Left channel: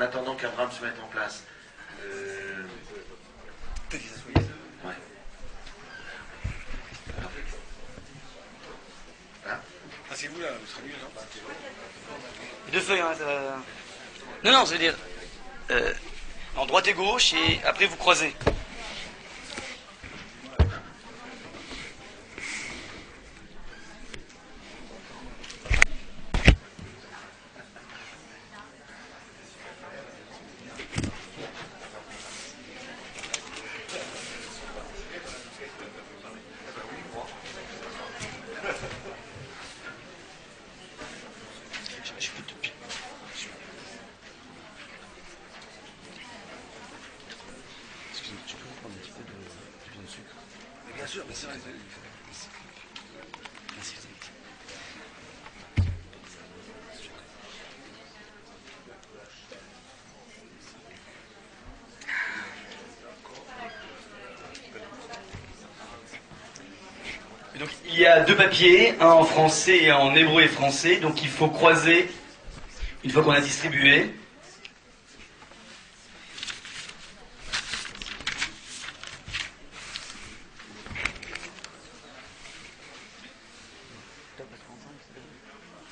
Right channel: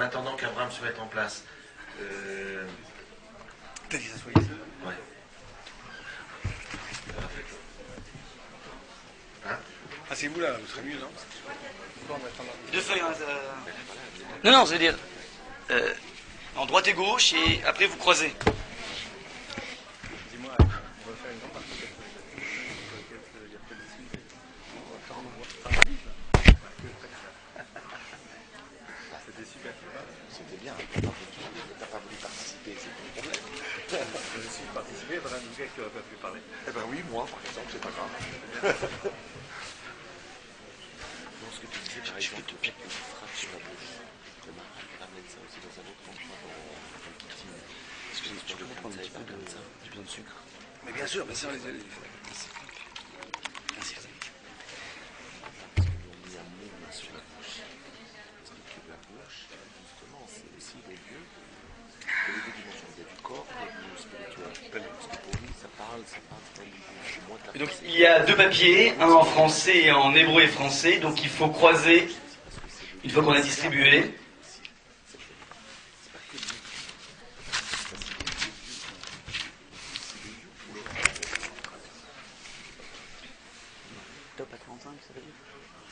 en attendant qu'Abraham se mette en place. Ouais. Hein? Ah, c'est vous là, vous serez mieux, non? Deux feuilles, hein, Non, non, je veux dire, en droite et gauche, et après vous croisez. Donc il y a deux papiers, un en français et un en hébreu et français, donc il faut croiser une fois qu'on a distribué.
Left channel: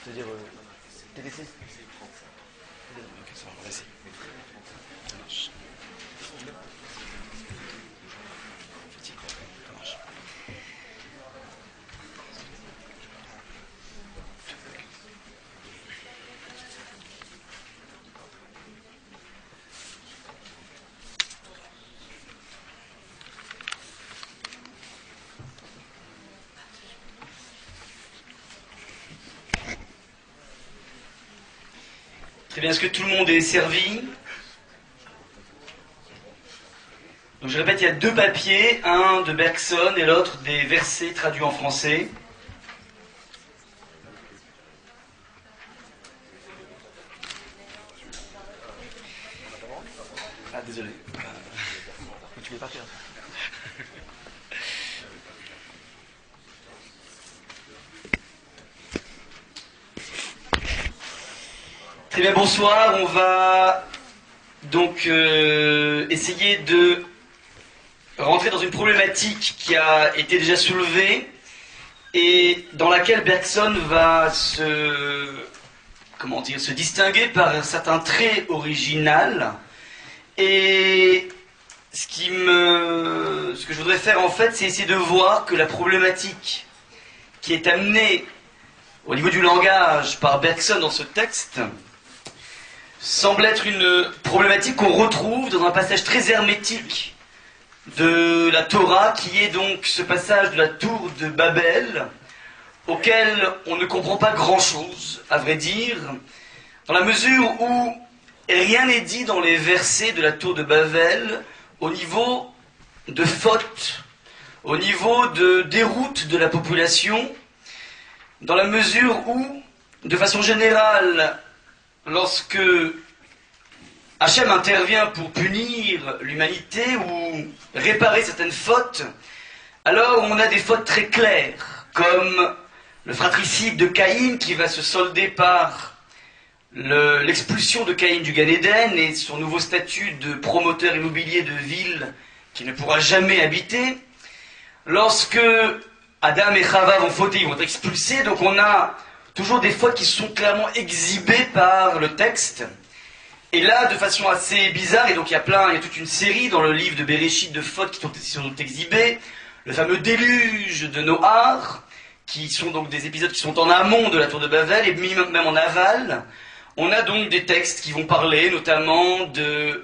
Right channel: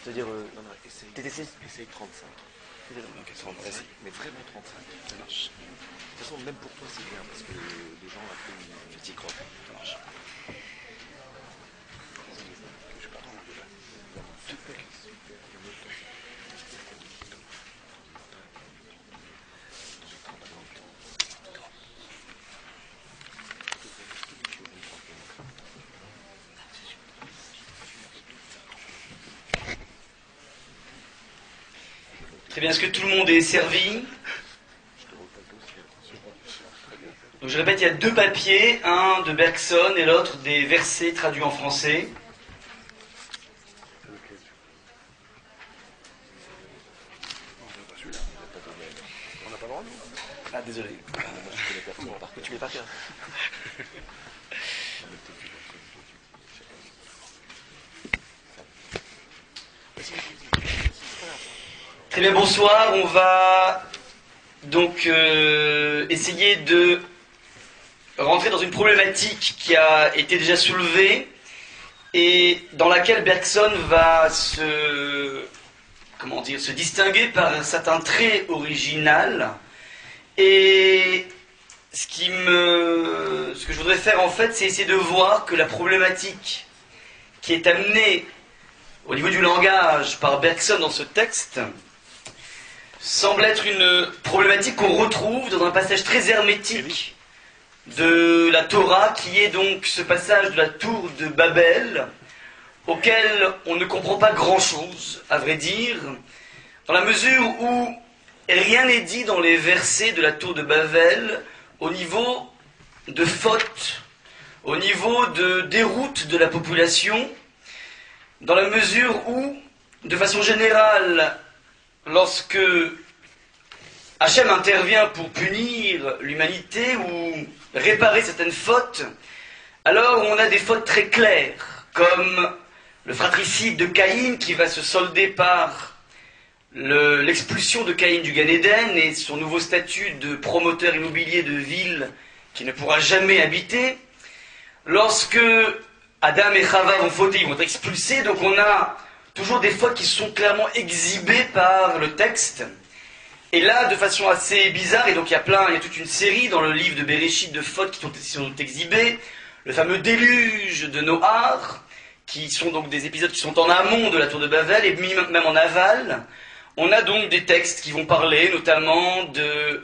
C'est-à-dire TTC c'est 35. Ok, ça va, vas-y. Mais très bien 35. Ça marche. Même pour toi, c'est bien, parce que les gens fatiguent. Ça marche. Très bien, est-ce que tout le monde est servi? Donc je répète, il y a deux papiers, un de Bergson et l'autre des versets traduits en français. Ah désolé, tu l'es par cœur. Très bien, bonsoir. On va donc essayer de rentrer dans une problématique qui a été déjà soulevée et dans laquelle Bergson va se distinguer par un certain trait original. Et ce que je voudrais faire en fait, c'est essayer de voir que la problématique qui est amenée au niveau du langage par Bergson dans ce texte semble être une problématique qu'on retrouve dans un passage très hermétique de la Torah, qui est donc ce passage de la tour de Babel, auquel on ne comprend pas grand-chose, à vrai dire, dans la mesure où rien n'est dit dans les versets de la tour de Babel au niveau de faute, au niveau de déroute de la population, dans la mesure où, de façon générale, lorsque Hachem intervient pour punir l'humanité ou réparer certaines fautes, alors on a des fautes très claires, comme le fratricide de Caïn qui va se solder par l'expulsion de Caïn du Gan Eden et son nouveau statut de promoteur immobilier de ville qui ne pourra jamais habiter. Lorsque Adam et Chava vont fauter, ils vont être expulsés, donc on a toujours des fautes qui sont clairement exhibées par le texte. Et là, de façon assez bizarre, et donc il y a toute une série dans le livre de Bereshit de fautes qui sont exhibées, le fameux déluge de Noach, qui sont donc des épisodes qui sont en amont de la tour de Babel, et même en aval. On a donc des textes qui vont parler notamment des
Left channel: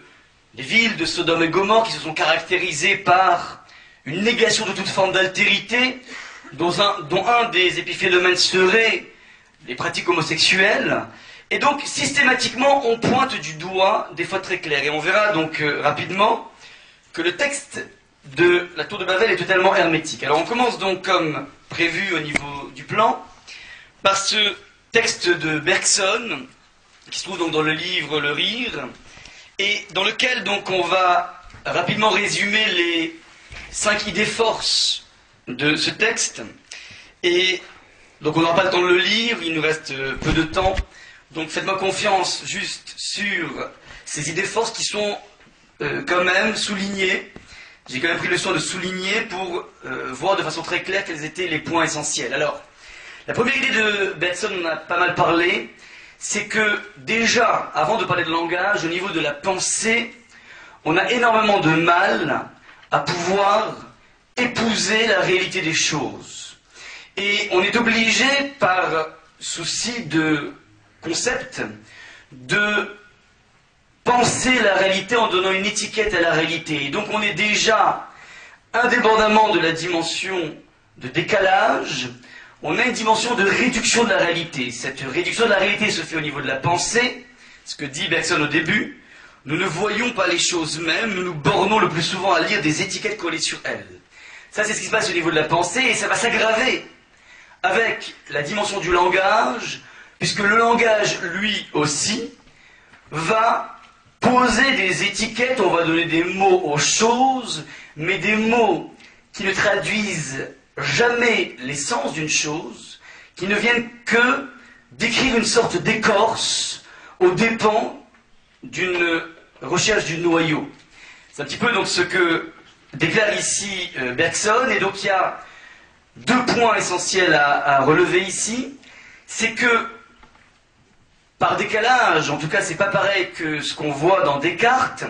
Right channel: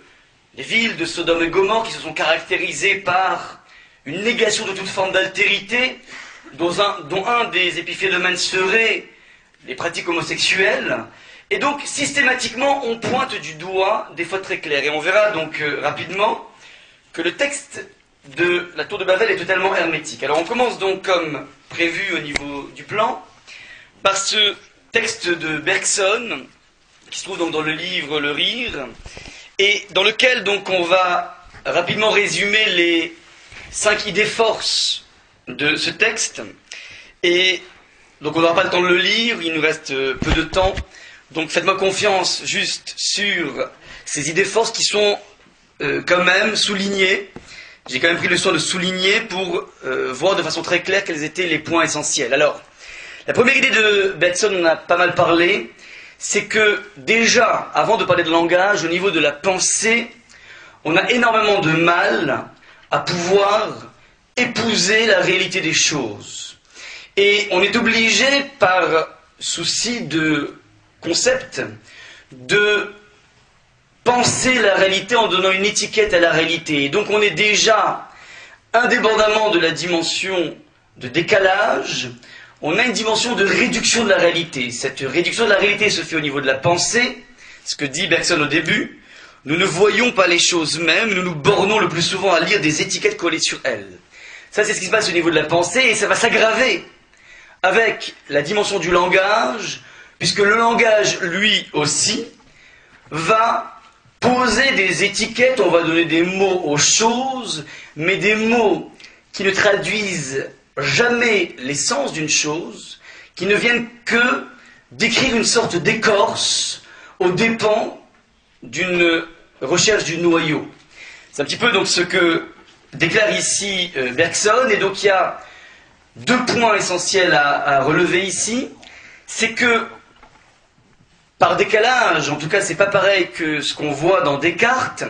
villes de Sodome et Gomorrhe qui se sont caractérisées par une négation de toute forme d'altérité, dont un des épiphénomènes serait les pratiques homosexuelles. Et donc, systématiquement, on pointe du doigt des fautes très claires. Et on verra donc rapidement que le texte de la tour de Babel est totalement hermétique. Alors on commence donc, comme prévu au niveau du plan, par ce texte de Bergson, qui se trouve donc dans le livre Le Rire, et dans lequel donc on va rapidement résumer les 5 idées forces de ce texte. Et donc on n'aura pas le temps de le lire, il nous reste peu de temps. Donc faites-moi confiance juste sur ces idées forces qui sont quand même soulignées. J'ai quand même pris le soin de souligner pour voir de façon très claire quels étaient les points essentiels. Alors, la première idée de Bergson, on a pas mal parlé, c'est que déjà, avant de parler de langage, au niveau de la pensée, on a énormément de mal à pouvoir épouser la réalité des choses. Et on est obligé, par souci de concept, de penser la réalité en donnant une étiquette à la réalité. Et donc on est déjà, indépendamment de la dimension de décalage, on a une dimension de réduction de la réalité. Cette réduction de la réalité se fait au niveau de la pensée, ce que dit Bergson au début. Nous ne voyons pas les choses mêmes, nous nous bornons le plus souvent à lire des étiquettes collées sur elles. Ça, c'est ce qui se passe au niveau de la pensée, et ça va s'aggraver avec la dimension du langage, puisque le langage, lui aussi, va poser des étiquettes, on va donner des mots aux choses, mais des mots qui ne traduisent jamais l'essence d'une chose, qui ne viennent que décrire une sorte d'écorce aux dépens d'une recherche du noyau. C'est un petit peu donc ce que déclare ici Bergson, et donc il y a deux points essentiels à relever ici. C'est que, par décalage, en tout cas c'est pas pareil que ce qu'on voit dans Descartes,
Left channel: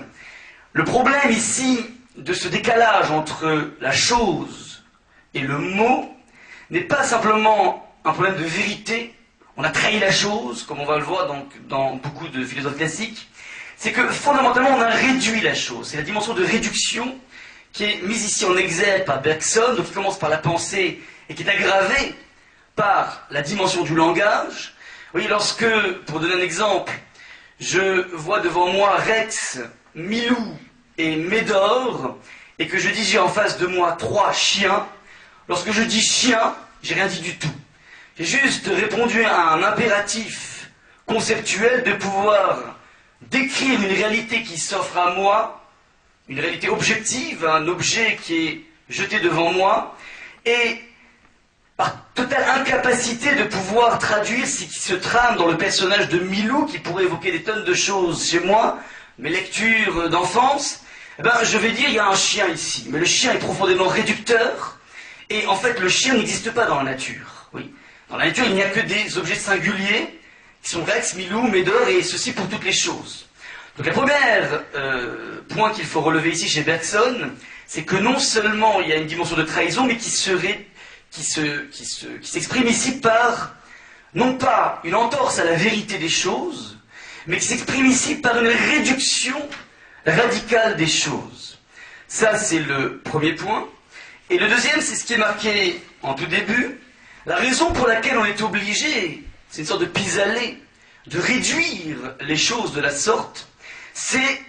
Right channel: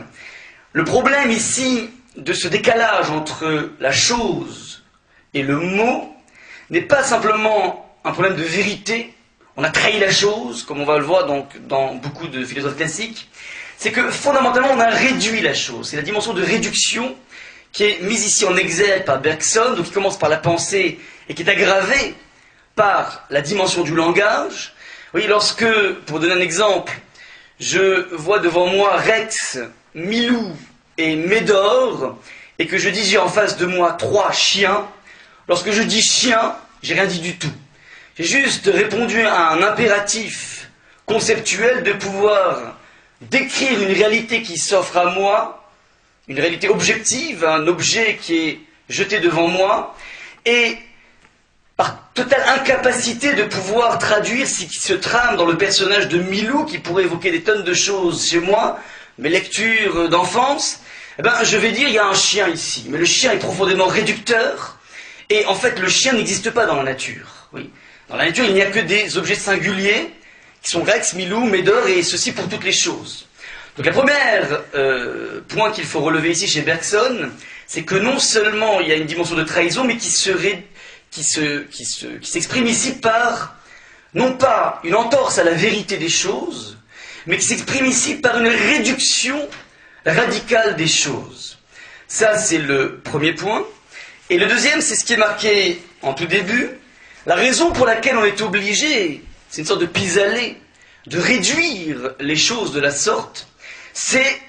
le problème ici de ce décalage entre la chose et le mot n'est pas simplement un problème de vérité, on a trahi la chose, comme on va le voir donc dans beaucoup de philosophes classiques, c'est que fondamentalement on a réduit la chose. C'est la dimension de réduction qui est mise ici en exergue par Bergson, donc qui commence par la pensée et qui est aggravée par la dimension du langage. Oui, lorsque, pour donner un exemple, je vois devant moi Rex, Milou et Médor, et que je dis j'ai en face de moi 3 chiens, lorsque je dis chien, j'ai rien dit du tout. J'ai juste répondu à un impératif conceptuel de pouvoir décrire une réalité qui s'offre à moi, une réalité objective, un objet qui est jeté devant moi, et par totale incapacité de pouvoir traduire ce qui se trame dans le personnage de Milou, qui pourrait évoquer des tonnes de choses chez moi, mes lectures d'enfance, eh ben, je vais dire il y a un chien ici, mais le chien est profondément réducteur, et en fait le chien n'existe pas dans la nature. Oui. Dans la nature il n'y a que des objets singuliers, qui sont Rex, Milou, Médor, et ceci pour toutes les choses. Donc la première point qu'il faut relever ici chez Bergson, c'est que non seulement il y a une dimension de trahison, mais qui s'exprime ici par, non pas une entorse à la vérité des choses, mais qui s'exprime ici par une réduction radicale des choses. Ça, c'est le premier point. Et le deuxième, c'est ce qui est marqué en tout début, la raison pour laquelle on est obligé, c'est une sorte de pis-aller, de réduire les choses de la sorte, c'est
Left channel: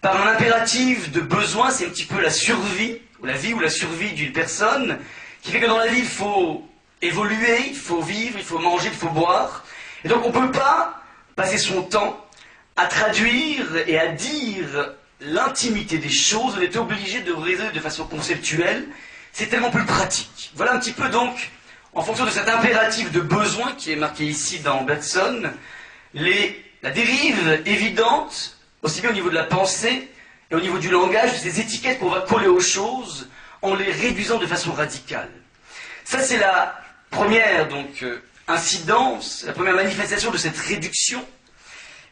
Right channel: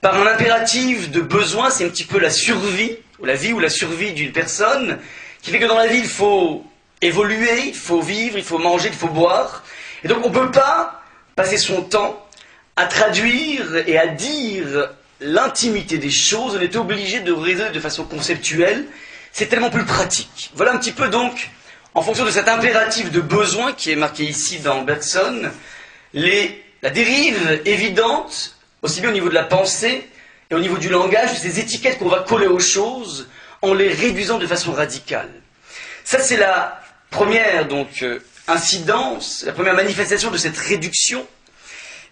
par un impératif de besoin, c'est un petit peu la survie, ou la vie ou la survie d'une personne, qui fait que dans la vie, il faut évoluer, il faut vivre, il faut manger, il faut boire. Et donc on ne peut pas passer son temps à traduire et à dire l'intimité des choses. On est obligé de raisonner de façon conceptuelle. C'est tellement plus pratique. Voilà un petit peu donc, en fonction de cet impératif de besoin qui est marqué ici dans Bergson, la dérive évidente, aussi bien au niveau de la pensée et au niveau du langage, de ces étiquettes qu'on va coller aux choses, en les réduisant de façon radicale. Ça, c'est la première donc, incidence, la première manifestation de cette réduction.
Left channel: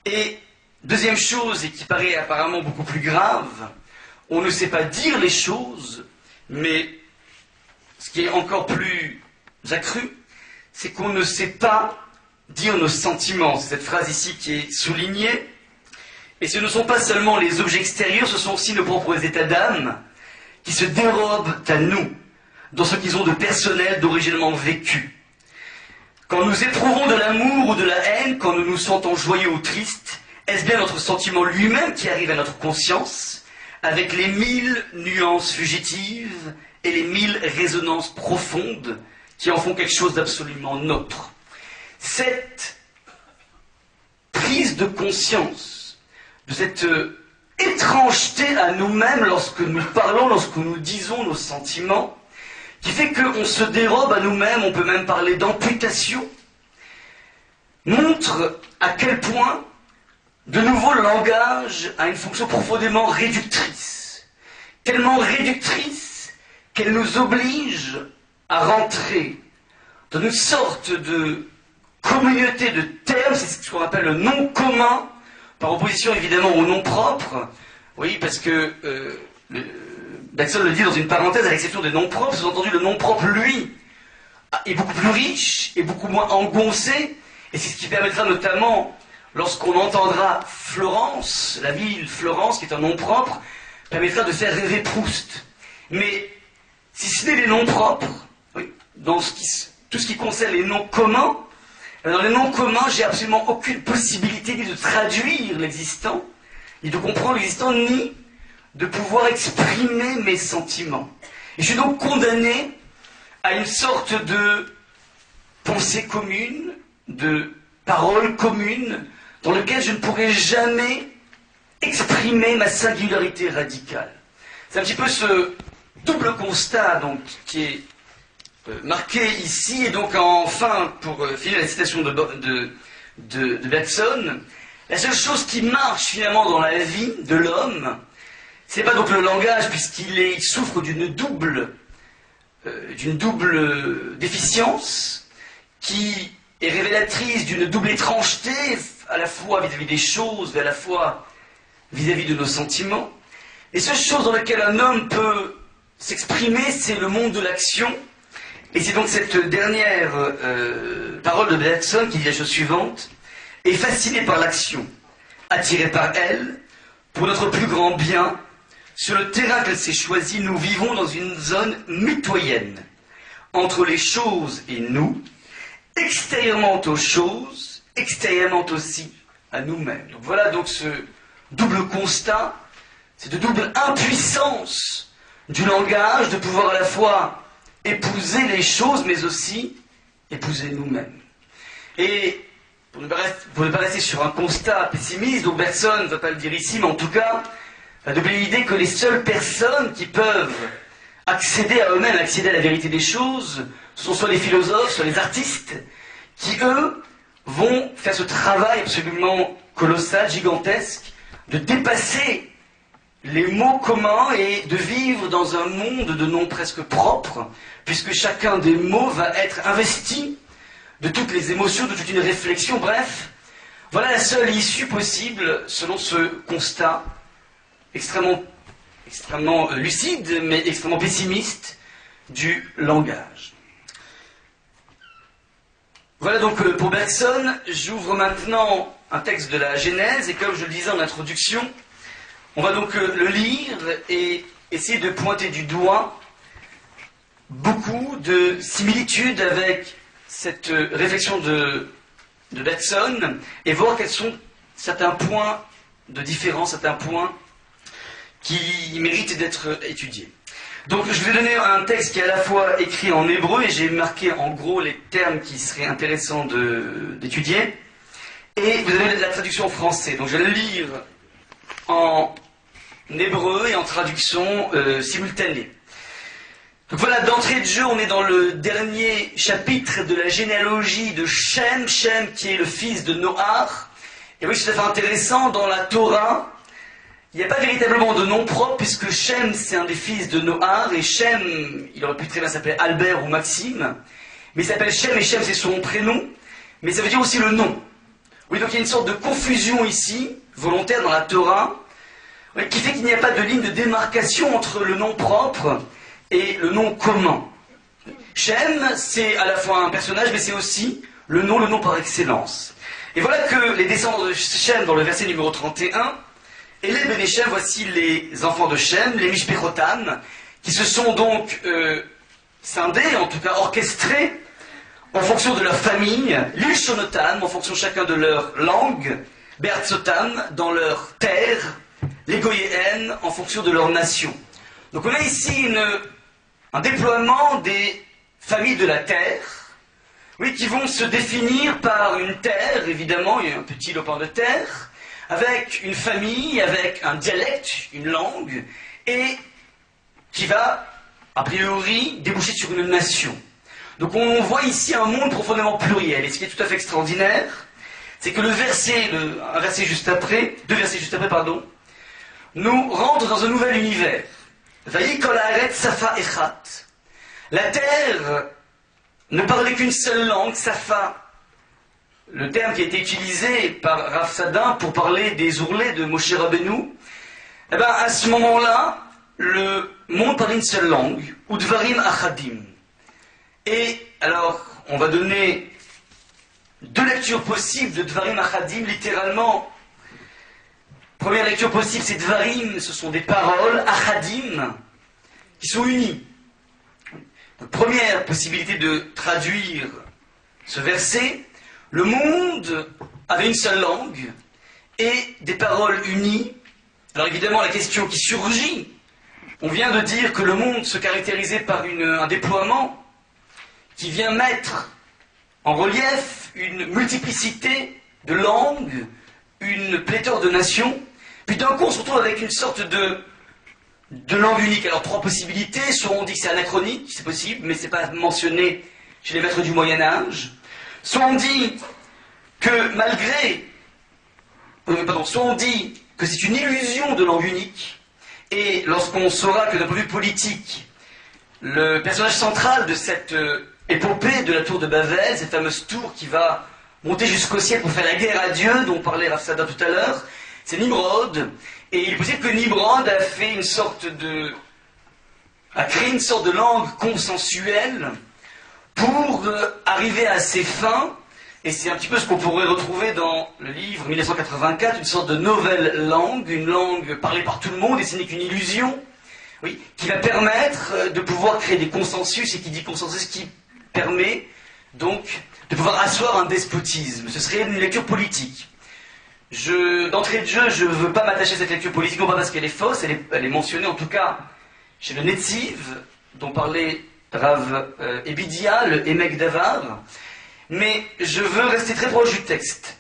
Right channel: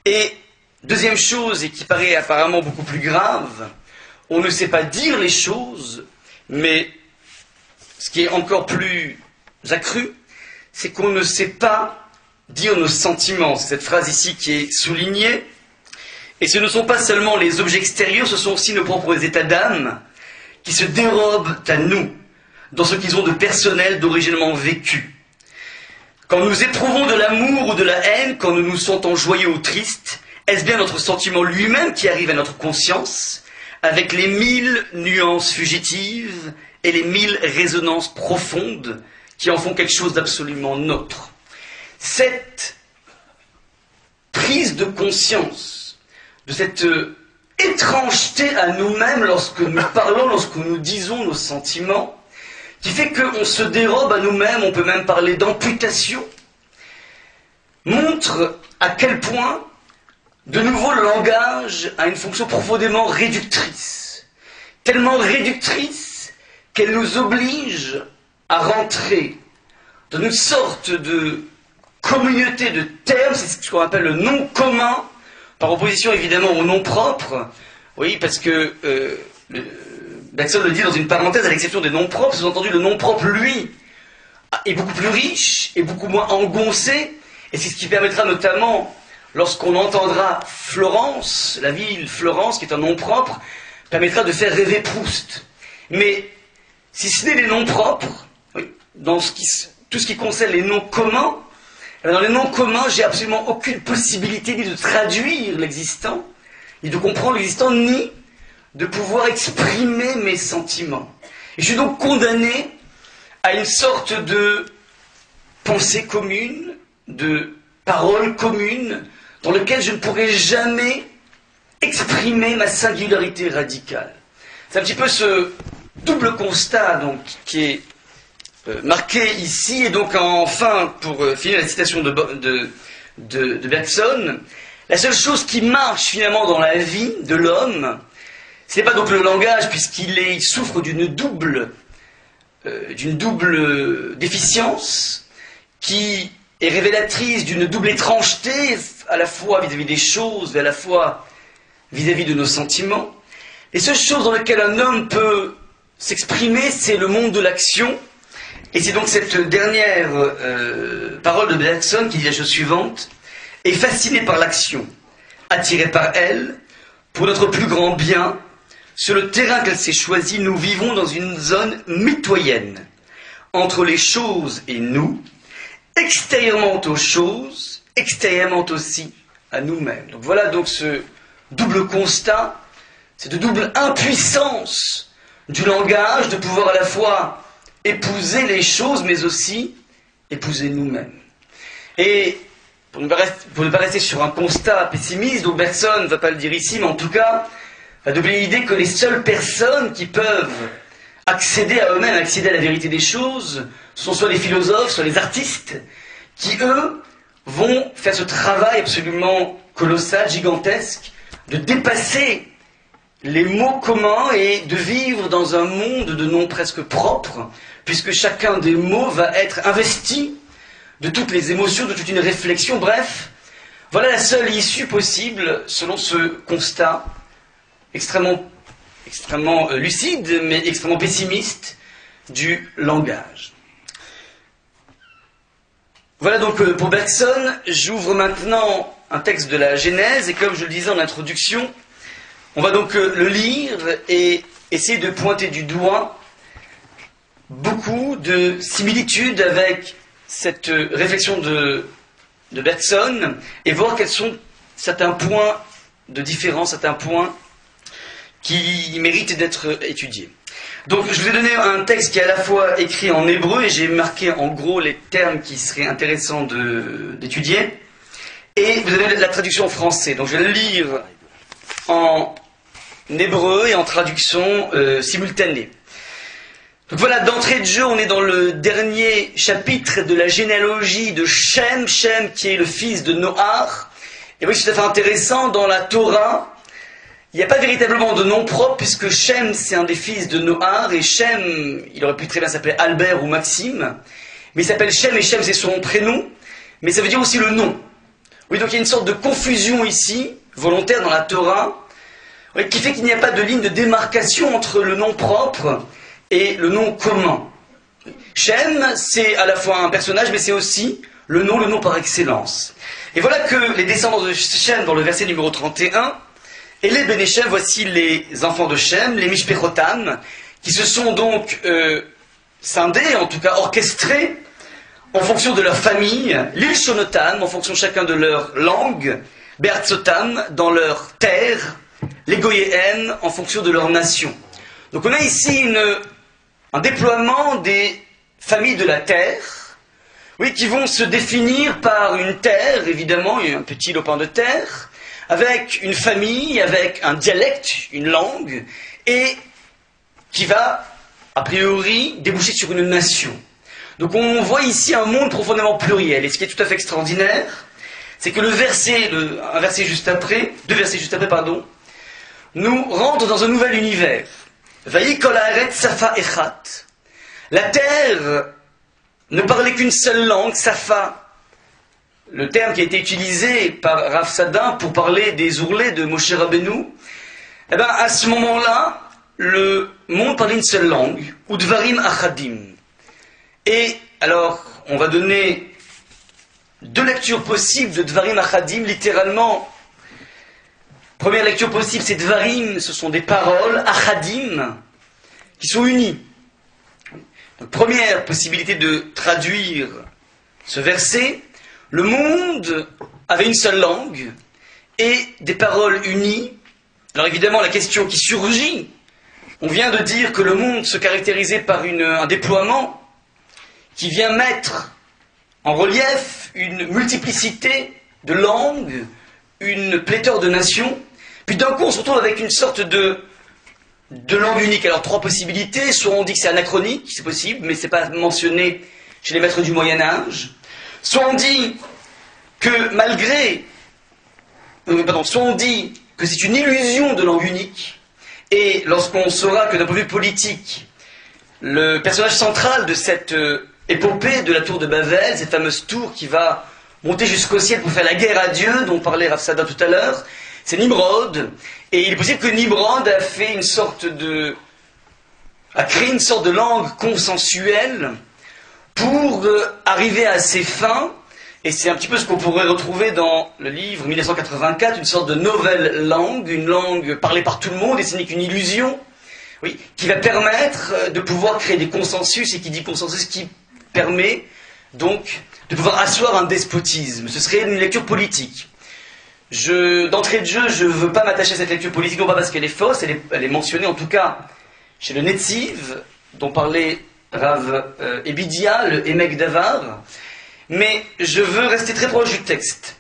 Et deuxième chose, et qui paraît apparemment beaucoup plus grave, on ne sait pas dire les choses, mais ce qui est encore plus accru, c'est qu'on ne sait pas dire nos sentiments. C'est cette phrase ici qui est soulignée. Et ce ne sont pas seulement les objets extérieurs, ce sont aussi nos propres états d'âme, qui se dérobent à nous, dans ce qu'ils ont de personnel, d'originellement vécu. Quand nous éprouvons de l'amour ou de la haine, quand nous nous sentons joyeux ou tristes, est-ce bien notre sentiment lui-même qui arrive à notre conscience, avec les 1000 nuances fugitives et les 1000 résonances profondes qui en font quelque chose d'absolument nôtre? Cette prise de conscience de cette étrangeté à nous-mêmes lorsque nous parlons, lorsque nous disons nos sentiments, qui fait qu'on se dérobe à nous-mêmes, on peut même parler d'amputation, montre à quel point de nouveau, le langage a une fonction profondément réductrice. Tellement réductrice qu'elle nous oblige à rentrer dans une sorte de communauté de termes, c'est ce qu'on appelle le nom commun, par opposition évidemment au nom propre. Oui, parce que Bergson le dit dans une parenthèse, à l'exception des noms propres, sous-entendu le nom propre, lui, est beaucoup plus riche et beaucoup moins engoncé, et c'est ce qui permettra notamment, lorsqu'on entendra Florence, la ville Florence, qui est un nom propre, permettra de faire rêver Proust. Mais si ce n'est les noms propres, oui, dans tout ce qui concerne les noms communs, dans les noms communs, j'ai absolument aucune possibilité ni de traduire l'existant, ni de comprendre l'existant, ni de pouvoir exprimer mes sentiments. Et je suis donc condamné à une sorte de pensée commune, de parole commune, dans lequel je ne pourrai jamais exprimer ma singularité radicale. C'est un petit peu ce double constat donc, qui est marqué ici, et donc enfin, pour finir la citation de Bergson, la seule chose qui marche finalement dans la vie de l'homme, ce n'est pas donc le langage, puisqu'il souffre d'une double déficience, qui est révélatrice d'une double étrangeté, à la fois vis-à-vis des choses, et à la fois vis-à-vis de nos sentiments. Les seules choses dans lesquelles un homme peut s'exprimer, c'est le monde de l'action. Et c'est donc cette dernière parole de Bergson qui dit la chose suivante: est fasciné par l'action, attiré par elle, pour notre plus grand bien, sur le terrain qu'elle s'est choisi, nous vivons dans une zone mitoyenne, entre les choses et nous, extérieurement aux choses, extérieurement aussi à nous-mêmes. Donc voilà donc ce double constat, cette double impuissance du langage de pouvoir à la fois épouser les choses, mais aussi épouser nous-mêmes. Et pour ne pas rester sur un constat pessimiste, donc Bergson ne va pas le dire ici, mais en tout cas, la double idée que les seules personnes qui peuvent accéder à eux-mêmes, accéder à la vérité des choses, sont soit les philosophes, soit les artistes, qui eux vont faire ce travail absolument colossal, gigantesque, de dépasser les mots communs et de vivre dans un monde de noms presque propres, puisque chacun des mots va être investi de toutes les émotions, de toute une réflexion. Bref, voilà la seule issue possible selon ce constat extrêmement lucide, mais extrêmement pessimiste du langage. Voilà donc pour Bergson. J'ouvre maintenant un texte de la Genèse, et comme je le disais en introduction, on va donc le lire et essayer de pointer du doigt beaucoup de similitudes avec cette réflexion de Bergson, et voir quels sont certains points de différence, certains points qui méritent d'être étudiés. Donc je vais donner un texte qui est à la fois écrit en hébreu, et j'ai marqué en gros les termes qui seraient intéressants d'étudier, et vous avez la traduction en français. Donc je vais le lire en hébreu et en traduction simultanée. Donc voilà, d'entrée de jeu, on est dans le dernier chapitre de la généalogie de Shem, Shem qui est le fils de Noach. Et oui, c'est tout à fait intéressant, dans la Torah, il n'y a pas véritablement de nom propre, puisque Shem, c'est un des fils de Noach, et Shem, il aurait pu très bien s'appeler Albert ou Maxime, mais il s'appelle Shem, et Shem, c'est son prénom, mais ça veut dire aussi le nom. Oui, donc il y a une sorte de confusion ici, volontaire dans la Torah, oui, qui fait qu'il n'y a pas de ligne de démarcation entre le nom propre et le nom commun. Shem, c'est à la fois un personnage, mais c'est aussi le nom par excellence. Et voilà que les descendants de Shem, dans le verset numéro 31, et les Béné Shem, voici les enfants de Shem, les Mishpechotam, qui se sont donc scindés, en tout cas orchestrés, en fonction de leur famille, l'Ilshonotam, en fonction chacun de leur langue, Be'artzotam, dans leur terre, les Goyéen, en fonction de leur nation. Donc on a ici un déploiement des familles de la terre, oui, qui vont se définir par une terre, évidemment, il y a un petit lopin de terre, avec une famille, avec un dialecte, une langue, et qui va, a priori, déboucher sur une nation. Donc on voit ici un monde profondément pluriel, et ce qui est tout à fait extraordinaire, c'est que un verset juste après, deux versets juste après, pardon, nous rentre dans un nouvel univers. Vayi kol haaretz safa echat. La terre ne parlait qu'une seule langue, safa. Le terme qui a été utilisé par Rav Sadin pour parler des ourlets de Moshe Rabbeinu, eh bien, à ce moment-là, le monde parlait une seule langue, ou dvarim achadim. Et alors, on va donner deux lectures possibles de dvarim achadim, littéralement. Première lecture possible, c'est dvarim, ce sont des paroles, achadim, qui sont unies. Donc, première possibilité de traduire ce verset, le monde avait une seule langue et des paroles unies. Alors évidemment, la question qui surgit, on vient de dire que le monde se caractérisait par un déploiement qui vient mettre en relief une multiplicité de langues, une pléthore de nations, puis d'un coup on se retrouve avec une sorte de langue unique. Alors trois possibilités, soit on dit que c'est anachronique, c'est possible, mais c'est pas mentionné chez les maîtres du Moyen-Âge, soit on dit que soit on dit que c'est une illusion de langue unique, et lorsqu'on saura que d'un point de vue politique, le personnage central de cette épopée de la tour de Babel, cette fameuse tour qui va monter jusqu'au ciel pour faire la guerre à Dieu, dont parlait Rav Sadin tout à l'heure, c'est Nimrod, et il est possible que Nimrod a créé une sorte de langue consensuelle pour arriver à ses fins, et c'est un petit peu ce qu'on pourrait retrouver dans le livre 1984, une sorte de nouvelle langue, une langue parlée par tout le monde, et ce n'est qu'une illusion, oui, qui va permettre de pouvoir créer des consensus, et qui dit consensus, qui permet donc de pouvoir asseoir un despotisme. Ce serait une lecture politique. D'entrée de jeu, je ne veux pas m'attacher à cette lecture politique, non pas parce qu'elle est fausse, elle est mentionnée en tout cas chez le Netziv, dont parlait Rav Ebidia, le Emek Davar, mais je veux rester très proche du texte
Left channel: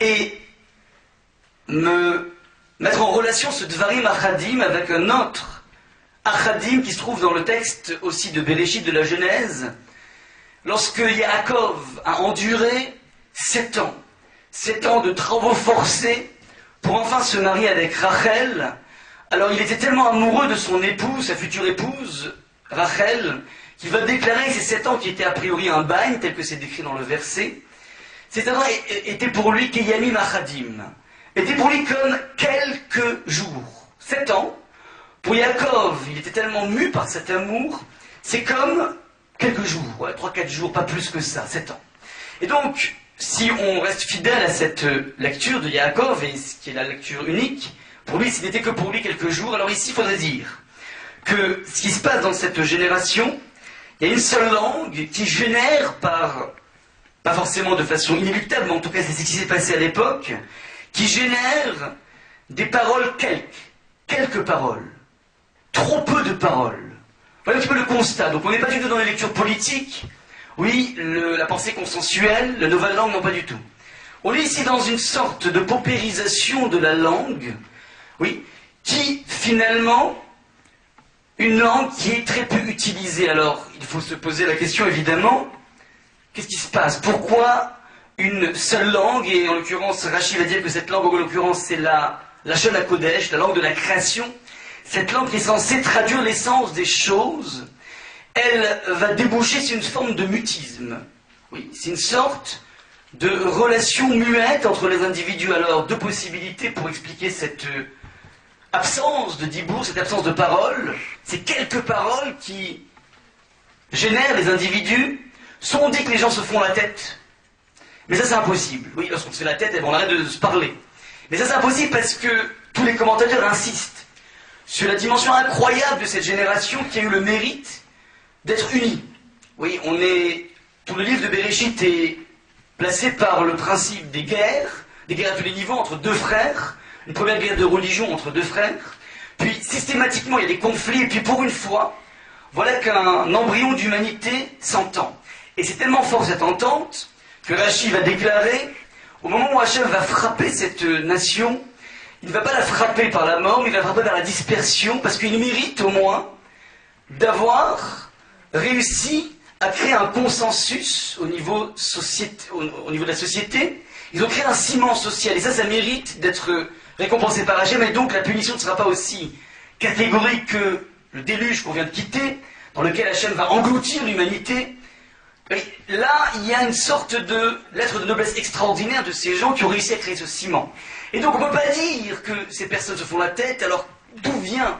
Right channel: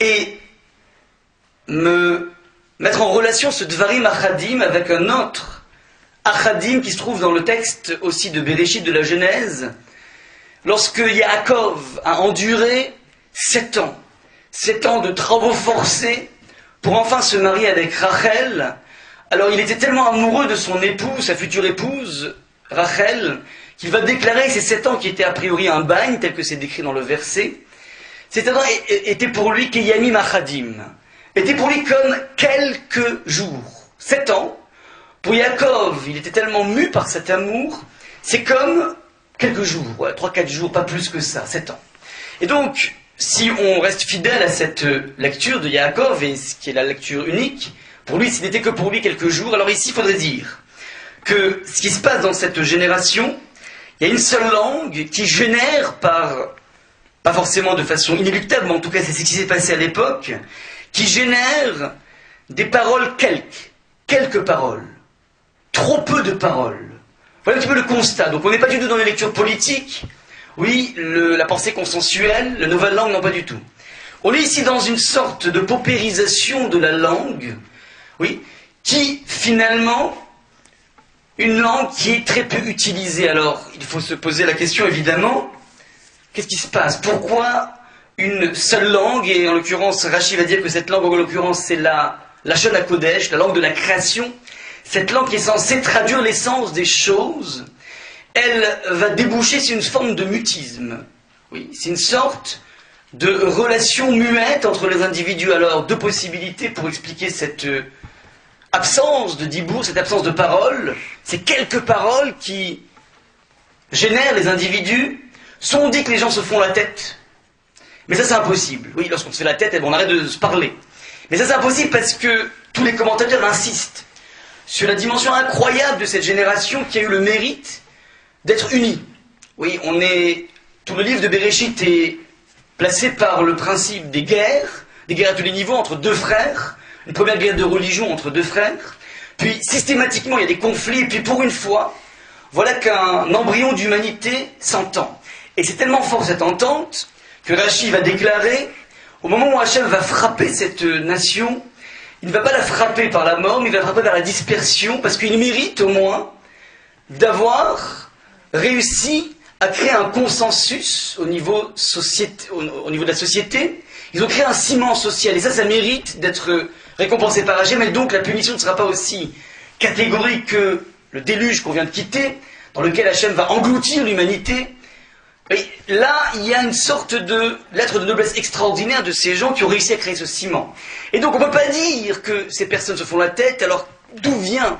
et me mettre en relation ce Dvarim Achadim avec un autre Achadim qui se trouve dans le texte aussi de Bereshit, de la Genèse, lorsque Yaakov a enduré 7 ans de travaux forcés pour enfin se marier avec Rachel. Alors il était tellement amoureux de son épouse, sa future épouse, Rachel, qu'il va déclarer que ces 7 ans qui étaient a priori un bagne, tel que c'est décrit dans le verset, ces 7 ans étaient pour lui Keyamim Achadim, étaient pour lui comme quelques jours. 7 ans, pour Yaakov, il était tellement mu par cet amour, c'est comme quelques jours, 3-4 jours, pas plus que ça, 7 ans. Et donc, si on reste fidèle à cette lecture de Yaakov, et ce qui est la lecture unique, pour lui, ce n'était que pour lui quelques jours. Alors ici, il faudrait dire que ce qui se passe dans cette génération, il y a une seule langue qui génère pas forcément de façon inéluctable, mais en tout cas c'est ce qui s'est passé à l'époque, qui génère des paroles quelques paroles, trop peu de paroles. Voilà un petit peu le constat. Donc on n'est pas du tout dans les lectures politiques, oui, la pensée consensuelle, la nouvelle langue, non pas du tout. On est ici dans une sorte de paupérisation de la langue, oui, qui finalement, une langue qui est très peu utilisée. Alors, il faut se poser la question évidemment, qu'est-ce qui se passe? Pourquoi une seule langue, et en l'occurrence, Rachid va dire que cette langue, en l'occurrence, c'est la Lashon HaKodesh, la langue de la création, cette langue qui est censée traduire l'essence des choses, elle va déboucher sur une forme de mutisme. Oui, c'est une sorte de relation muette entre les individus. Alors, deux possibilités pour expliquer cette absence de dibour, cette absence de parole. C'est quelques paroles qui génèrent les individus. Soit on dit que les gens se font la tête, mais ça c'est impossible. Oui, lorsqu'on se fait la tête, on arrête de se parler. Mais ça c'est impossible parce que tous les commentateurs insistent sur la dimension incroyable de cette génération qui a eu le mérite d'être unie. Oui, tout le livre de Bereshit est placé par le principe des guerres à tous les niveaux entre deux frères, une première guerre de religion entre deux frères, puis systématiquement il y a des conflits, et puis pour une fois, voilà qu'un embryon d'humanité s'entend. Et c'est tellement fort cette entente que Rashi va déclarer, au moment où Hachem va frapper cette nation, il ne va pas la frapper par la mort, mais il va la frapper par la dispersion, parce qu'il mérite au moins d'avoir réussi à créer un consensus au niveau de la société, Ils ont créé un ciment social, et ça mérite d'être récompensé par Hachem, et donc la punition ne sera pas aussi catégorique que le déluge qu'on vient de quitter, dans lequel Hachem va engloutir l'humanité. Et là, il y a une sorte de lettre de noblesse extraordinaire de ces gens qui ont réussi à créer ce ciment. Et donc on ne peut pas dire que ces personnes se font la tête, alors d'où vient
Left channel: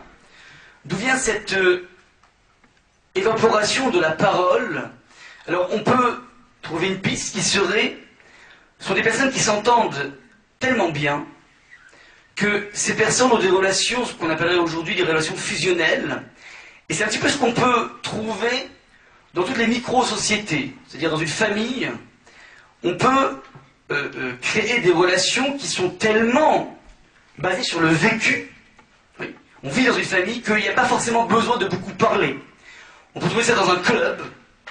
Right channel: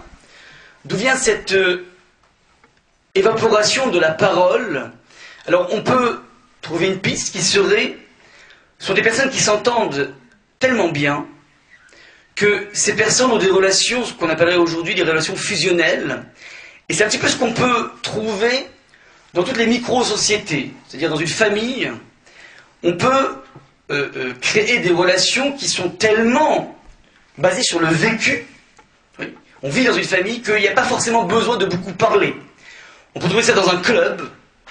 cette évaporation de la parole? Alors on peut trouver une piste qui serait, ce sont des personnes qui s'entendent tellement bien que ces personnes ont des relations, ce qu'on appellerait aujourd'hui des relations fusionnelles, et c'est un petit peu ce qu'on peut trouver dans toutes les micro-sociétés, c'est-à-dire dans une famille, on peut créer des relations qui sont tellement basées sur le vécu. Oui. On vit dans une famille qu'il n'y a pas forcément besoin de beaucoup parler. On peut trouver ça dans un club,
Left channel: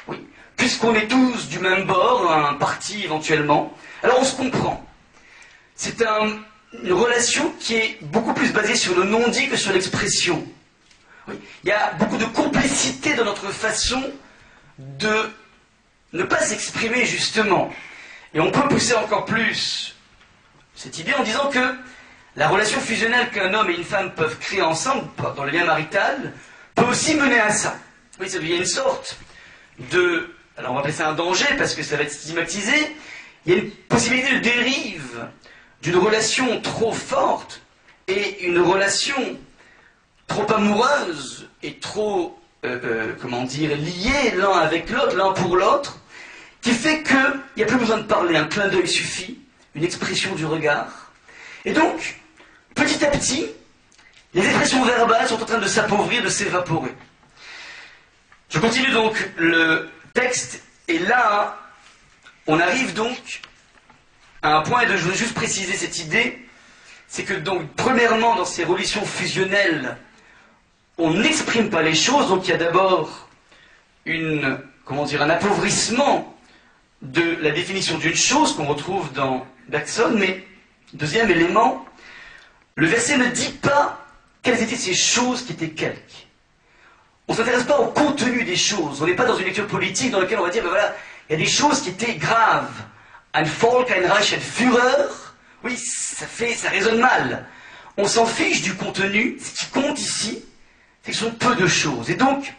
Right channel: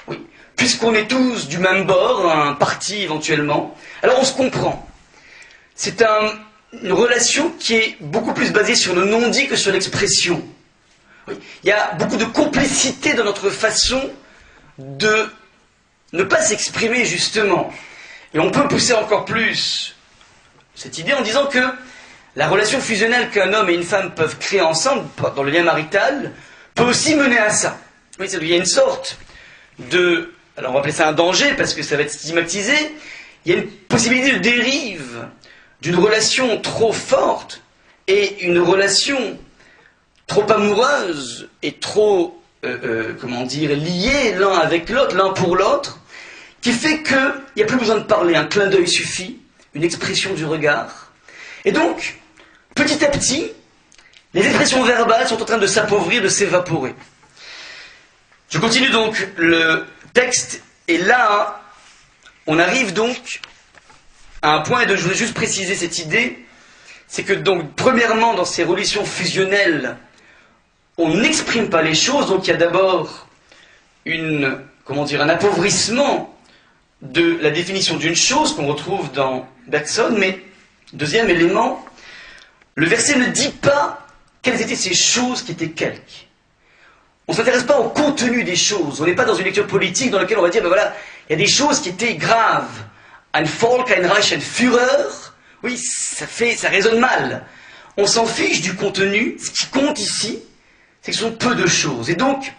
oui, puisqu'on est tous du même bord, un parti éventuellement, alors on se comprend. C'est une relation qui est beaucoup plus basée sur le non-dit que sur l'expression. Oui. Il y a beaucoup de complicité dans notre façon de ne pas s'exprimer justement. Et on peut pousser encore plus cette idée en disant que la relation fusionnelle qu'un homme et une femme peuvent créer ensemble dans le lien marital peut aussi mener à ça. Oui, il y a une sorte de... Alors on va appeler ça un danger parce que ça va être stigmatisé. Il y a une possibilité de dérive d'une relation trop forte et une relation trop amoureuse et trop... liés l'un avec l'autre, l'un pour l'autre, qui fait qu'il n'y a plus besoin de parler, un clin d'œil suffit, une expression du regard. Et donc, petit à petit, les expressions verbales sont en train de s'appauvrir, de s'évaporer. Je continue donc le texte, et là, on arrive donc à un point, et je voudrais juste préciser cette idée, c'est que donc, premièrement, dans ces relations fusionnelles, on n'exprime pas les choses, donc il y a d'abord un appauvrissement de la définition d'une chose qu'on retrouve dans Bergson, mais deuxième élément, le verset ne dit pas quelles étaient ces choses qui étaient quelque. On ne s'intéresse pas au contenu des choses, on n'est pas dans une lecture politique dans laquelle on va dire, ben voilà, il y a des choses qui étaient graves. Ein Volk, ein Reich, ein Führer, oui, ça résonne mal. On s'en fiche du contenu, ce qui compte ici, c'est que ce sont peu de choses. Et donc,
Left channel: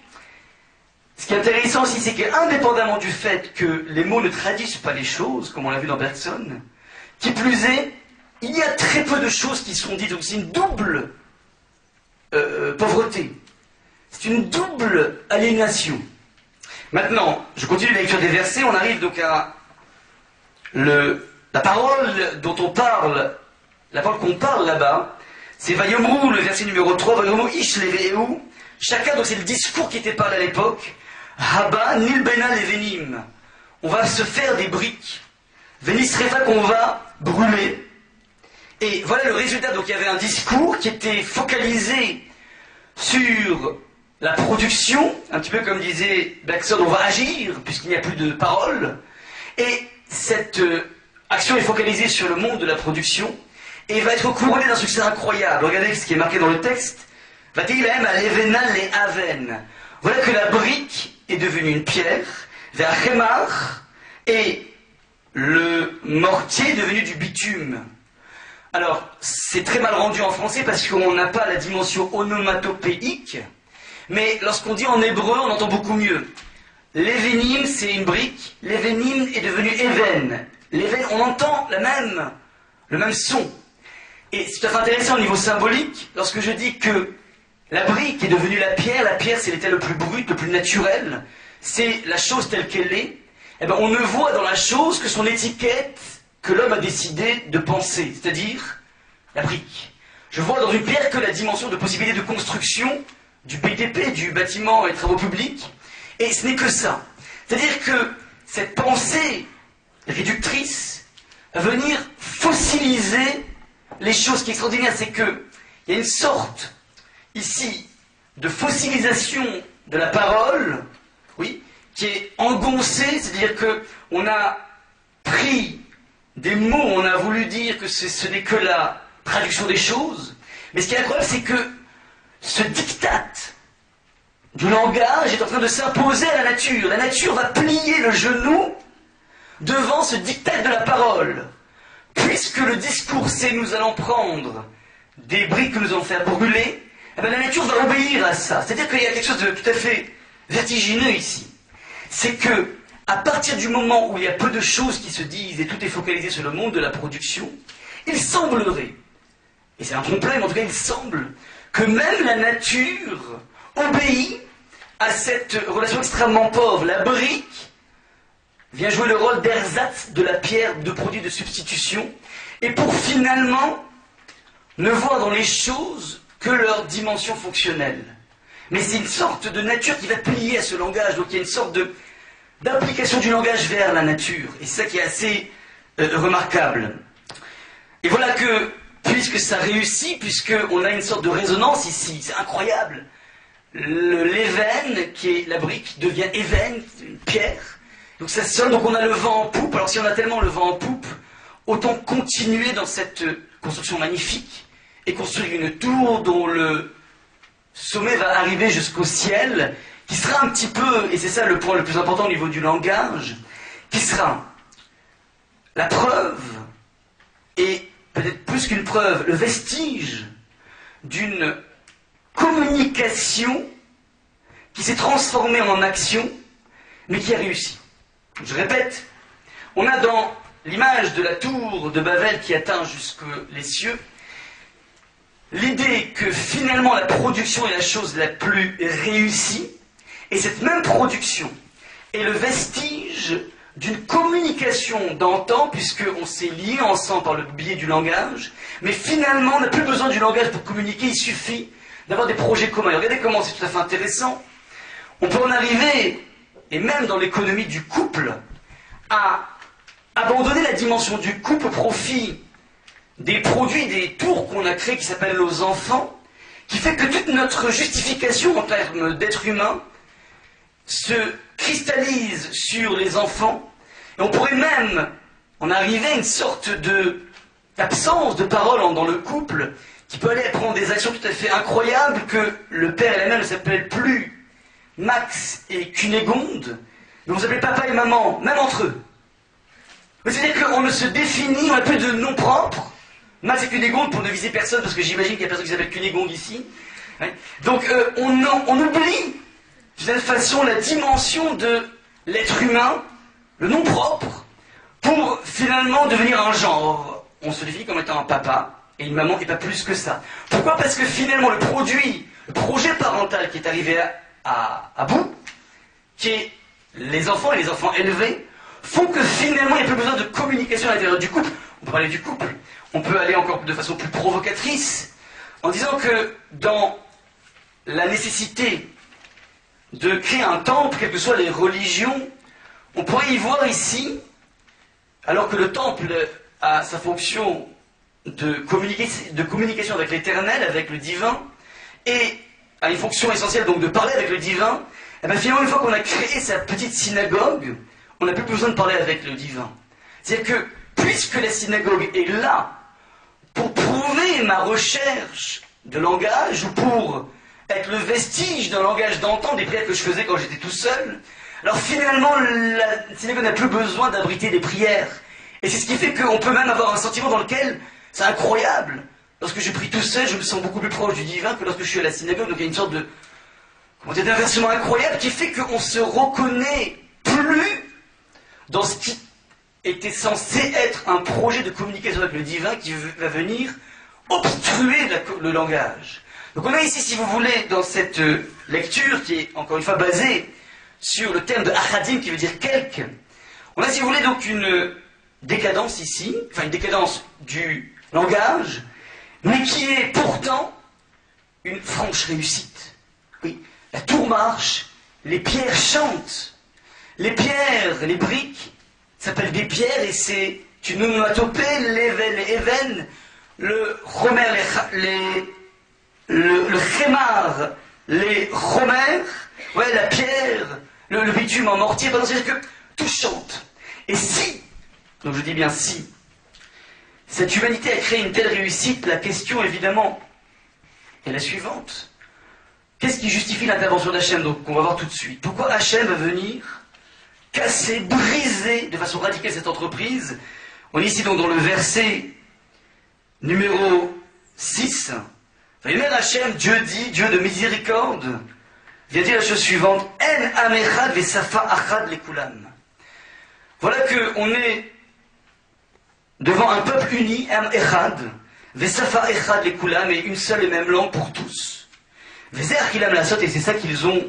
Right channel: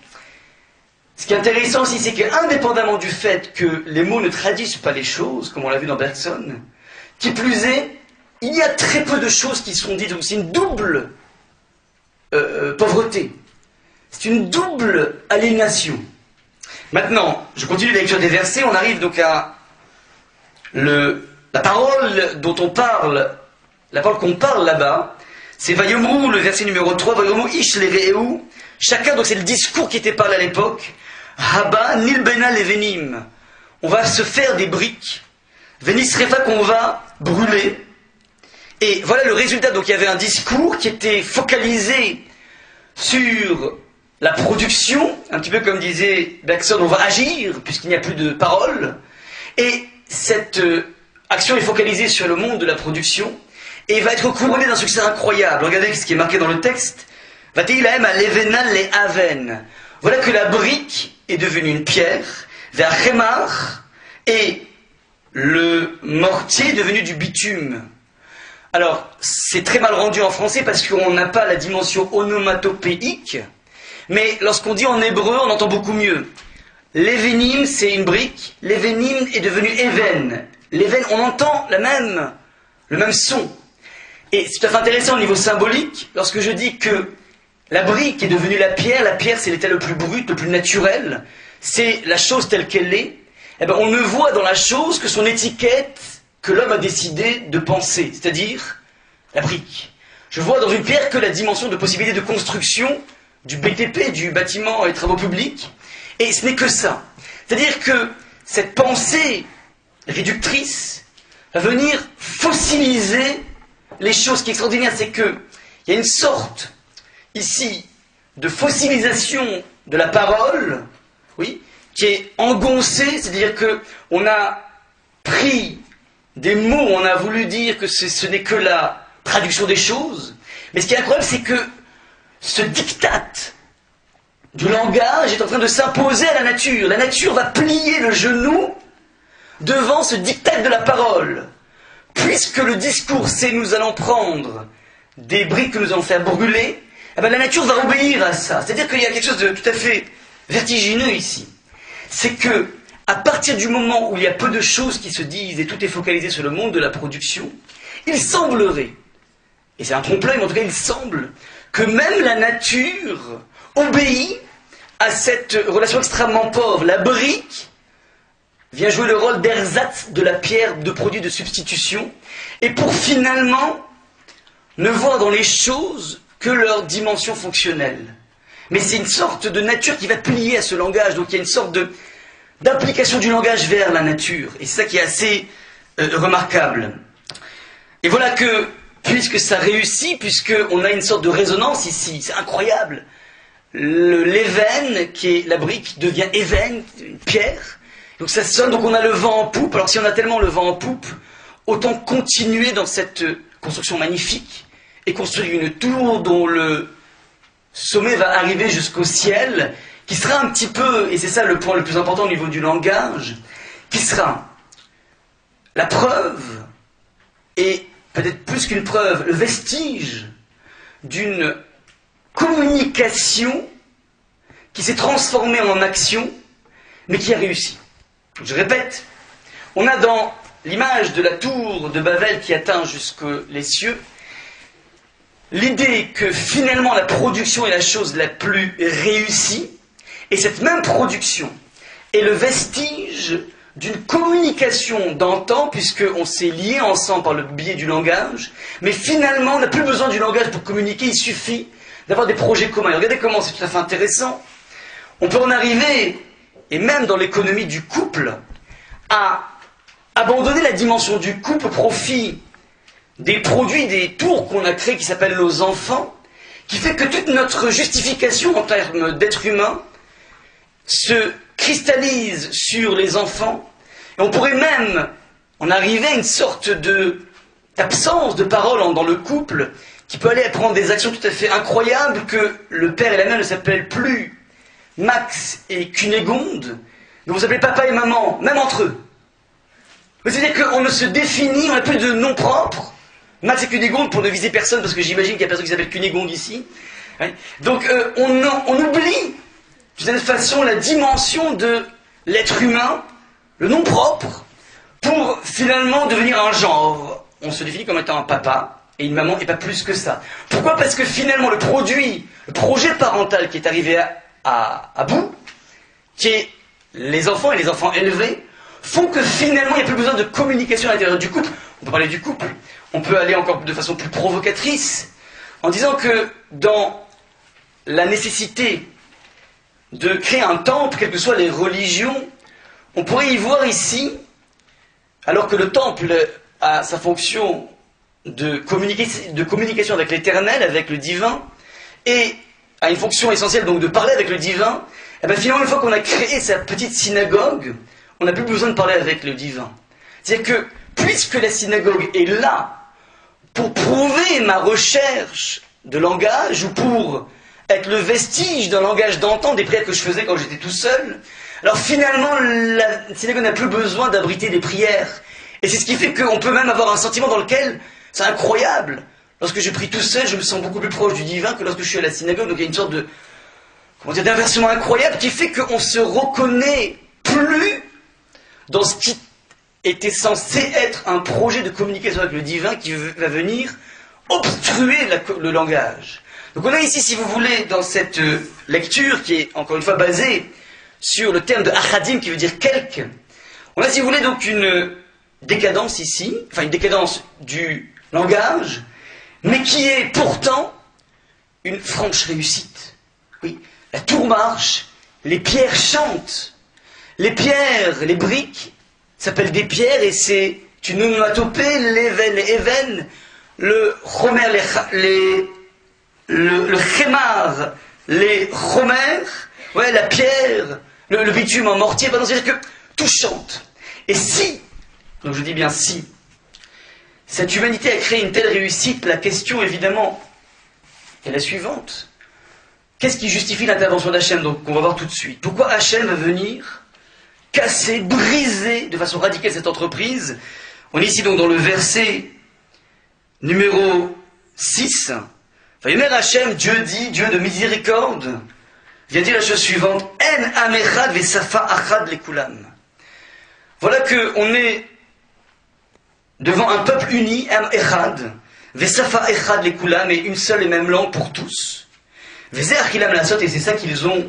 ce qui est intéressant aussi, c'est qu'indépendamment du fait que les mots ne traduisent pas les choses, comme on l'a vu dans Bergson, qui plus est, il y a très peu de choses qui sont dites. Donc c'est une double pauvreté. C'est une double aliénation. Maintenant, je continue la lecture des versets, on arrive donc à la parole dont on parle, la parole qu'on parle là-bas, c'est Vayomru, le verset numéro 3, Vayomru ish leve'eu, chacun, donc c'est le discours qui était parlé à l'époque, Haba nilbena levenim, on va se faire des briques, Venisrefa qu'on va brûler, et voilà le résultat, donc il y avait un discours qui était focalisé sur la production, un petit peu comme disait Bergson, on va agir, puisqu'il n'y a plus de parole, et cette action est focalisée sur le monde de la production, et il va être couronné d'un succès incroyable. Regardez ce qui est marqué dans le texte. Vateilahem al-Evenal le Aven. Voilà que la brique est devenue une pierre, vers Khemar, et le mortier est devenu du bitume. Alors, c'est très mal rendu en français parce qu'on n'a pas la dimension onomatopéique, mais lorsqu'on dit en hébreu, on entend beaucoup mieux. L'événim, c'est une brique, l'événim est devenu even. L'éven, on entend le même son. Et c'est tout à fait intéressant au niveau symbolique, lorsque je dis que la brique est devenue la pierre c'est l'état le plus brut, le plus naturel, c'est la chose telle qu'elle est, eh bien on ne voit dans la chose que son étiquette que l'homme a décidé de penser, c'est-à-dire la brique. Je vois dans une pierre que la dimension de possibilité de construction du BTP, du bâtiment et travaux publics, et ce n'est que ça. C'est-à-dire que cette pensée réductrice va venir fossiliser les choses. Ce qui est extraordinaire, c'est qu'il y a une sorte, ici, de fossilisation de la parole, oui, qui est engoncée, c'est-à-dire qu'on a pris des mots, on a voulu dire que ce n'est que la traduction des choses, mais ce qui est incroyable, c'est que ce diktat du langage est en train de s'imposer à la nature. La nature va plier le genou devant ce diktat de la parole. puisque le discours c'est nous allons prendre des briques que nous allons faire brûler, eh bien, la nature va obéir à ça. C'est-à-dire qu'il y a quelque chose de tout à fait vertigineux ici. C'est que, à partir du moment où il y a peu de choses qui se disent et tout est focalisé sur le monde de la production, il semblerait, et c'est un trompe-l'œil, mais en tout cas il semble, que même la nature obéit à cette relation extrêmement pauvre. La brique vient jouer le rôle d'ersatz de la pierre, de produit de substitution, et pour finalement ne voir dans les choses que leur dimension fonctionnelle. Mais c'est une sorte de nature qui va plier à ce langage, donc il y a une sorte d'application du langage vers la nature, et c'est ça qui est assez remarquable. Et voilà que, puisque ça réussit, puisqu'on a une sorte de résonance ici, c'est incroyable, l'ébène, qui est la brique, devient ébène, une pierre, donc ça sonne, donc on a le vent en poupe. Alors si on a tellement le vent en poupe, autant continuer dans cette construction magnifique, et construire une tour dont le sommet va arriver jusqu'au ciel, qui sera un petit peu, et c'est ça le point le plus important au niveau du langage, qui sera la preuve, et peut-être plus qu'une preuve, le vestige d'une communication qui s'est transformée en action, mais qui a réussi. Je répète, on a dans l'image de la tour de Babel qui atteint jusqu'aux cieux, l'idée que finalement la production est la chose la plus réussie, et cette même production est le vestige d'une communication d'antan, puisqu'on s'est liés ensemble par le biais du langage, mais finalement on n'a plus besoin du langage pour communiquer, il suffit d'avoir des projets communs. Et regardez comment c'est tout à fait intéressant. On peut en arriver, et même dans l'économie du couple, à abandonner la dimension du couple au profit des produits, des tours qu'on a créés qui s'appellent nos enfants, qui fait que toute notre justification en termes d'être humain se cristallise sur les enfants, et on pourrait même en arriver à une sorte d'absence de parole dans le couple, qui peut aller prendre des actions tout à fait incroyables, que le père et la mère ne s'appellent plus Max et Cunégonde, mais vous appelez papa et maman, même entre eux. C'est-à-dire qu'on ne se définit, on n'a plus de nom propre. Max et Cunégonde, pour ne viser personne, parce que j'imagine qu'il y a personne qui s'appelle Cunégonde ici. Donc on oublie, de cette façon, la dimension de l'être humain, le nom propre, pour finalement devenir un genre. On se définit comme étant un papa et une maman, et pas plus que ça. Pourquoi? Parce que finalement le projet parental qui est arrivé à bout, qui est les enfants et les enfants élevés, font que finalement il n'y a plus besoin de communication à l'intérieur du couple. On peut parler du couple, on peut aller encore de façon plus provocatrice, en disant que dans la nécessité de créer un temple, quelles que soient les religions, on pourrait y voir ici, alors que le temple a sa fonction de communication avec l'éternel, avec le divin, et a une fonction essentielle donc de parler avec le divin, et bien finalement une fois qu'on a créé sa petite synagogue, on n'a plus besoin de parler avec le divin. C'est-à-dire que puisque la synagogue est là pour prouver ma recherche de langage, ou pour être le vestige d'un langage d'antan des prières que je faisais quand j'étais tout seul, alors finalement la synagogue n'a plus besoin d'abriter des prières. Et c'est ce qui fait qu'on peut même avoir un sentiment dans lequel, c'est incroyable, lorsque je prie tout seul, je me sens beaucoup plus proche du divin que lorsque je suis à la synagogue. Donc il y a une sorte de, d'inversement incroyable qui fait qu'on se reconnaît plus dans ce qui était censé être un projet de communication avec le divin qui va venir obstruer le langage. Donc on a ici, si vous voulez, dans cette lecture qui est encore une fois basée sur le terme de achadim qui veut dire quelque, on a, si vous voulez, donc une décadence ici, enfin une décadence du langage, mais qui est pourtant une franche réussite. Oui, la tour marche, les pierres chantent, les pierres, les briques s'appellent des pierres, et c'est une onomatopée, les even, le chomer, le chémar, les chomer, ouais, la pierre, le bitume en mortier, c'est-à-dire que tout chante. Et si, donc je dis bien si, cette humanité a créé une telle réussite, la question évidemment est la suivante. Qu'est-ce qui justifie l'intervention d'Hachem? Donc on va voir tout de suite. Pourquoi Hachem va venir casser, briser de façon radicale cette entreprise, On est ici donc dans le verset numéro 6. Vayomer Hachem, Dieu dit, Dieu de miséricorde, vient dire la chose suivante, En am echad vesafa achad lekulam. Voilà qu'on est devant un peuple uni, am echad, vesafa echad lekulam, et une seule et même langue pour tous. Vezer kilam lasot, et c'est ça qu'ils ont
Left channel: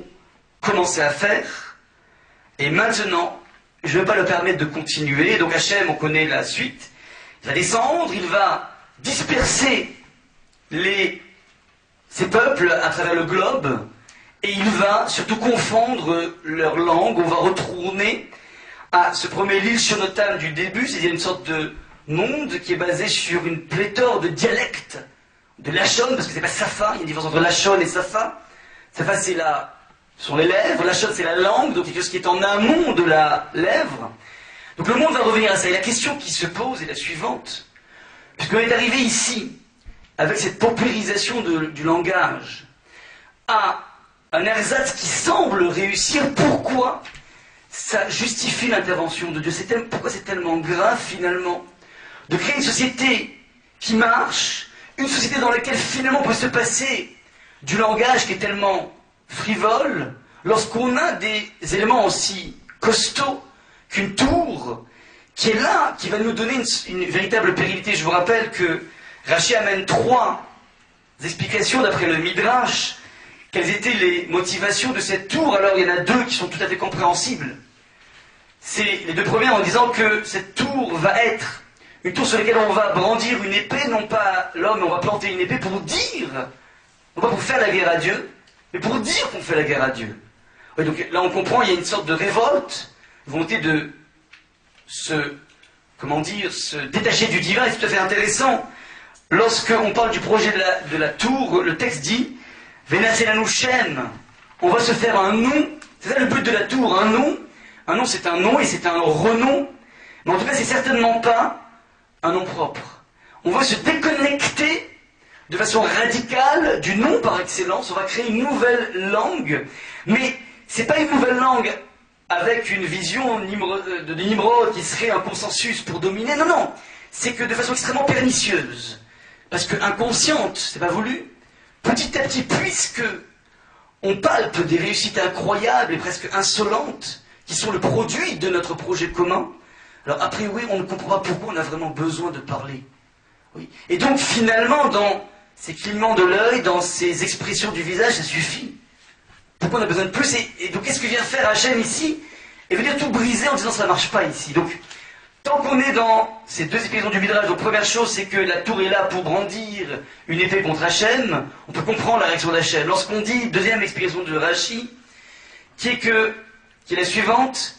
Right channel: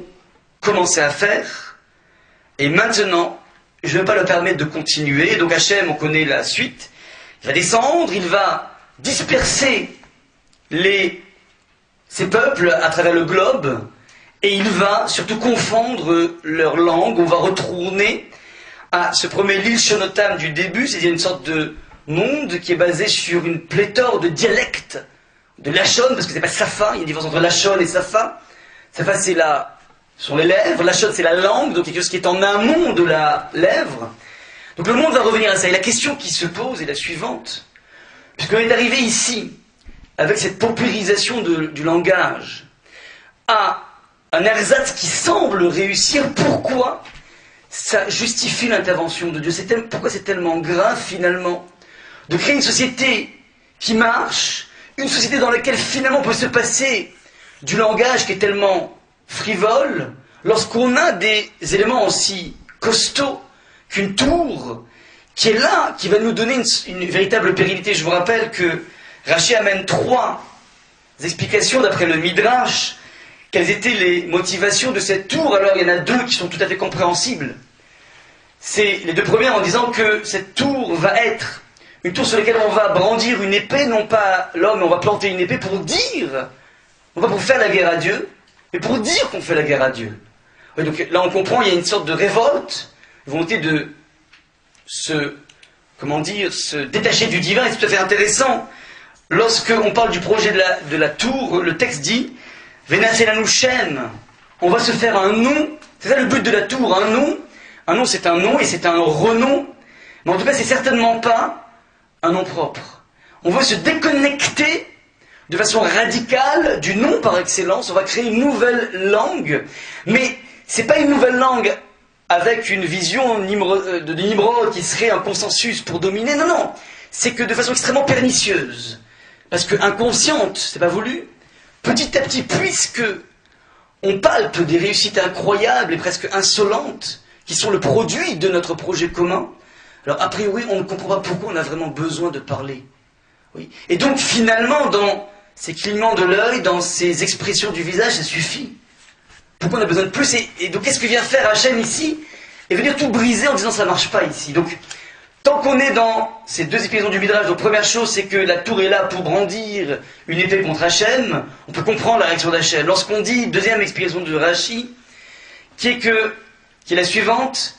commencé à faire. Et maintenant, je ne vais pas leur permettre de continuer. Donc Hachem, on connaît la suite. Il va descendre, il va disperser ces peuples à travers le globe, et il va surtout confondre leur langue. On va retourner à ce premier l'île Shonotam du début, c'est-à-dire une sorte de monde qui est basé sur une pléthore de dialectes, de Lachon, parce que c'est pas Safa, il y a une différence entre Lachon et Safa. Safa, ce sont les lèvres, Lachon, c'est la langue, donc quelque chose qui est en amont de la lèvre. Donc le monde va revenir à ça. Et la question qui se pose est la suivante. Puisqu'on est arrivé ici, avec cette paupérisation du langage, à un ersatz qui semble réussir, pourquoi ça justifie l'intervention de Dieu? Pourquoi c'est tellement grave, finalement, de créer une société qui marche, une société dans laquelle, finalement, on peut se passer du langage qui est tellement frivole, lorsqu'on a des éléments aussi costauds qu'une tour, qui est là, qui va nous donner une véritable pérennité. Je vous rappelle que Rachi amène 3 explications d'après le Midrash. Quelles étaient les motivations de cette tour? Alors il y en a 2 qui sont tout à fait compréhensibles. C'est les 2 premières en disant que cette tour va être une tour sur laquelle on va brandir une épée, non pas l'homme, on va planter une épée pour dire, non pas pour faire la guerre à Dieu, mais pour dire qu'on fait la guerre à Dieu. Ouais, donc là on comprend, il y a une sorte de révolte, volonté de se détacher du divin, et c'est tout à fait intéressant. Lorsqu'on parle du projet de la tour, le texte dit Venaselanu Shem, on va se faire un nom, c'est ça le but de la tour, un nom. Un nom c'est un nom et c'est un renom, mais en tout cas c'est certainement pas un nom propre. On veut se déconnecter de façon radicale du nom par excellence, on va créer une nouvelle langue, mais c'est pas une nouvelle langue avec une vision de Nimrod qui serait un consensus pour dominer, non, non, c'est que de façon extrêmement pernicieuse, parce que inconsciente, c'est pas voulu, petit à petit, puisque on palpe des réussites incroyables et presque insolentes, qui sont le produit de notre projet commun, alors a priori on ne comprend pas pourquoi on a vraiment besoin de parler. Oui. Et donc finalement, dans ces clignements de l'œil, dans ces expressions du visage, ça suffit. Pourquoi on a besoin de plus? Et donc qu'est-ce que vient faire Hachem ici? Et venir tout briser en disant ça ne marche pas ici. Donc tant qu'on est dans ces 2 explications du Midrash, donc première chose c'est que la tour est là pour brandir une épée contre Hachem, on peut comprendre la réaction d'Hachem. Lorsqu'on dit, deuxième explication de Rashi, qui est la suivante,